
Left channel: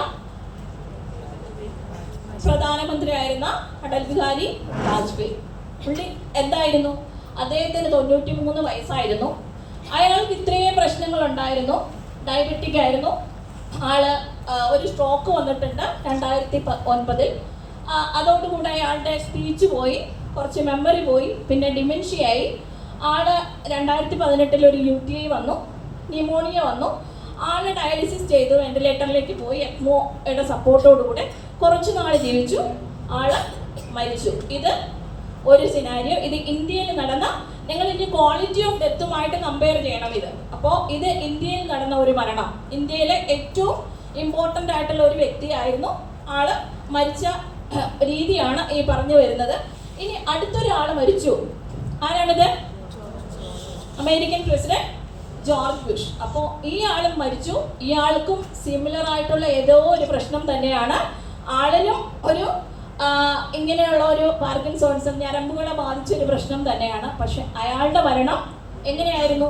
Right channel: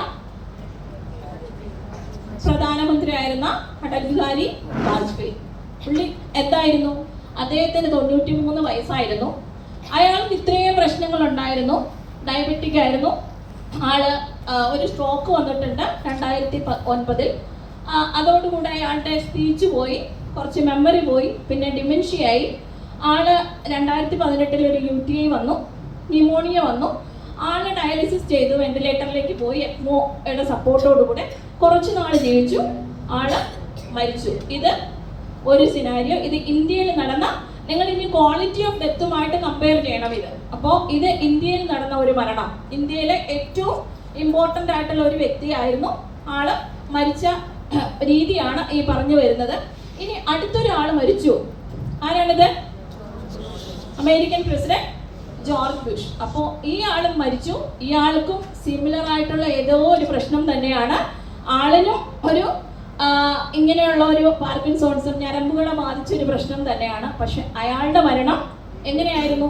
പ്രധാനമന്ത്രിയായിരുന്ന അടൽ ബിഹാരി വാജ്പേയി. പുള്ളി എന്തായിരുന്നു? അദ്ദേഹത്തിന് 93 വയസ്സായിരുന്നു. അയാൾക്ക് ഇത്രയും പ്രശ്നങ്ങൾ ഉണ്ടായിരുന്നു. ഡയബറ്റിക് ആയിരുന്നു. ആള് ഒരു സ്ട്രോക്ക് വന്നിട്ടുണ്ട് 2009. അതോടുകൂടെ അയാളുടെ സ്പീച്ച് പോയി, കുറച്ച് മെമ്മറി പോയി, പിന്നെ ഡിമെൻഷ്യയായി. ആള് 2018 ഒരു UTI വന്നു, ന്യൂമോണിയ വന്നു. ആള് ഡയാലിസിസ് ചെയ്തു, വെന്റിലേറ്ററിലേക്ക് പോയി. എക്മോയുടെ സപ്പോർട്ടോടുകൂടെ കുറച്ചു നാൾ ജീവിച്ചു, ആള് മരിച്ചു. ഇത് ഒരു സിനാരിയോ. ഇത് ഇന്ത്യയിൽ നടന്ന, നിങ്ങൾ ഇനി ക്വാളിറ്റി ഓഫ് ഡെത്തുമായിട്ട് കമ്പയർ ചെയ്യണം ഇത്. അപ്പോൾ ഇത് ഇന്ത്യയിൽ നടന്ന ഒരു മരണം, ഇന്ത്യയിലെ ഏറ്റവും ഇമ്പോർട്ടൻ്റ് ആയിട്ടുള്ള ഒരു വ്യക്തിയായിരുന്നു. ആള് മരിച്ച രീതിയാണ് ഈ പറഞ്ഞു വരുന്നത്. ഇനി അടുത്തൊരാൾ മരിച്ചു. ആരാണിത്? American president George Bush. അപ്പോൾ ഈ ആളും മരിച്ചു. ഇയാൾക്കും സിമിലർ ആയിട്ടുള്ള ഏതോ ഒരു പ്രശ്നം തന്നെയാണ്. ആളിനും ഒരു ഇങ്ങനെയുള്ള ഒരു പാർക്കിൻസോൺസും ഞരമ്പുകളെ ബാധിച്ചൊരു പ്രശ്നം തന്നെയാണ്. പക്ഷെ അയാളുടെ മരണം എങ്ങനെയായിരുന്നു?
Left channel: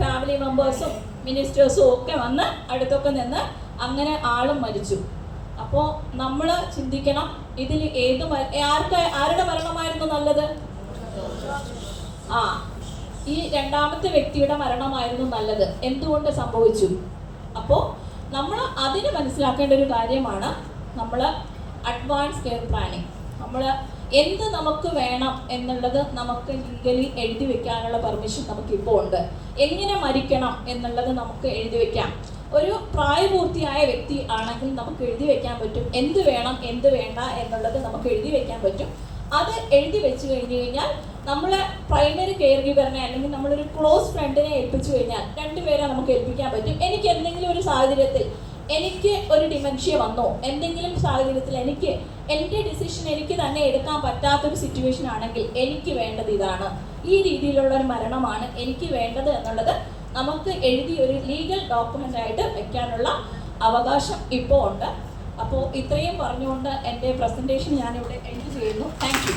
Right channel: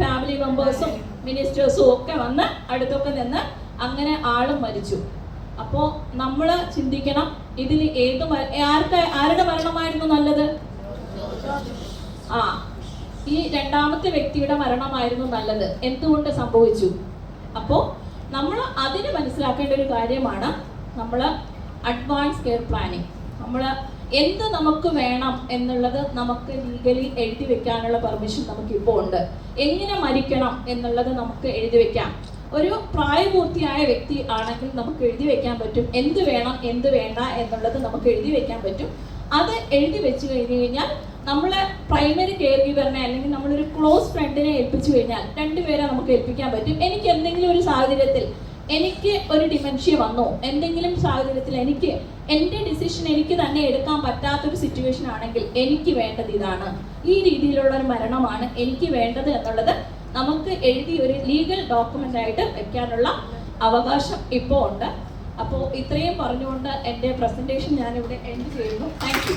ഫാമിലി മെമ്പേഴ്സും മിനിസ്റ്റേഴ്സും ഒക്കെ വന്ന് അടുത്തൊക്കെ നിന്ന് അങ്ങനെ ആളും മരിച്ചു. അപ്പോൾ നമ്മൾ ചിന്തിക്കണം, ഇതിൽ ആരുടെ മരണമായിരുന്നു നല്ലത്? ഈ രണ്ടാമത്തെ വ്യക്തിയുടെ മരണമായിരുന്നു നല്ലത്. എന്തുകൊണ്ട് സംഭവിച്ചു? അപ്പോൾ നമ്മൾ അതിന് മനസ്സിലാക്കേണ്ട ഒരു കാര്യമാണ് നമ്മൾ അഡ്വാൻസ് കെയർ പ്ലാനിങ്. നമ്മൾ എന്ത് നമുക്ക് വേണം എന്നുള്ളത് നമുക്ക് ലീഗലി എഴുതി വെക്കാനുള്ള പെർമിഷൻ നമുക്കിപ്പോൾ ഉണ്ട്. എങ്ങനെ മരിക്കണം എന്നുള്ളത് നമുക്ക് എഴുതി വെക്കാം. ഒരു പ്രായപൂർത്തിയായ വ്യക്തി ആണെങ്കിൽ നമുക്ക് എഴുതി വെക്കാൻ പറ്റും എന്ത് വേണം എന്ത് വേണ്ട എന്നുള്ളത് നമുക്ക് എഴുതി വെക്കാൻ പറ്റും. അത് എഴുതി വെച്ച് കഴിഞ്ഞ് കഴിഞ്ഞാൽ നമ്മളെ പ്രൈമറി കെയർ ഗിവറിനെ അല്ലെങ്കിൽ നമ്മളൊരു ക്ലോസ് ഫ്രണ്ടിനെ ഏൽപ്പിച്ചു കഴിഞ്ഞാൽ രണ്ടുപേരെ നമുക്ക് ഏൽപ്പിക്കാൻ പറ്റും. എനിക്ക് എന്തെങ്കിലും ഒരു സാഹചര്യത്തിൽ എനിക്ക് ഒരു ഡിമെൻഷ്യ വന്നോ, എന്തെങ്കിലും സാഹചര്യത്തിൽ എനിക്ക് എൻ്റെ ഡിസിഷൻ എനിക്ക് തന്നെ എടുക്കാൻ പറ്റാത്തൊരു സിറ്റുവേഷൻ ആണെങ്കിൽ എനിക്ക് വേണ്ടത് ഇതാണ്, ഈ രീതിയിലുള്ള ഒരു മരണമാണ് എനിക്ക് വേണ്ടത് എന്നുള്ളത് നമുക്ക് എഴുതി ഒരു ലീഗൽ ഡോക്യുമെന്റ് ആയിട്ട് വെക്കാനുള്ള അവകാശം ഇപ്പോൾ ഉണ്ട്. അപ്പോൾ ഇത്രയും പറഞ്ഞുകൊണ്ട് എൻ്റെ പ്രസൻറ്റേഷൻ ഞാനിവിടെ എൻഡ് ചെയ്യുന്നു. Thank you.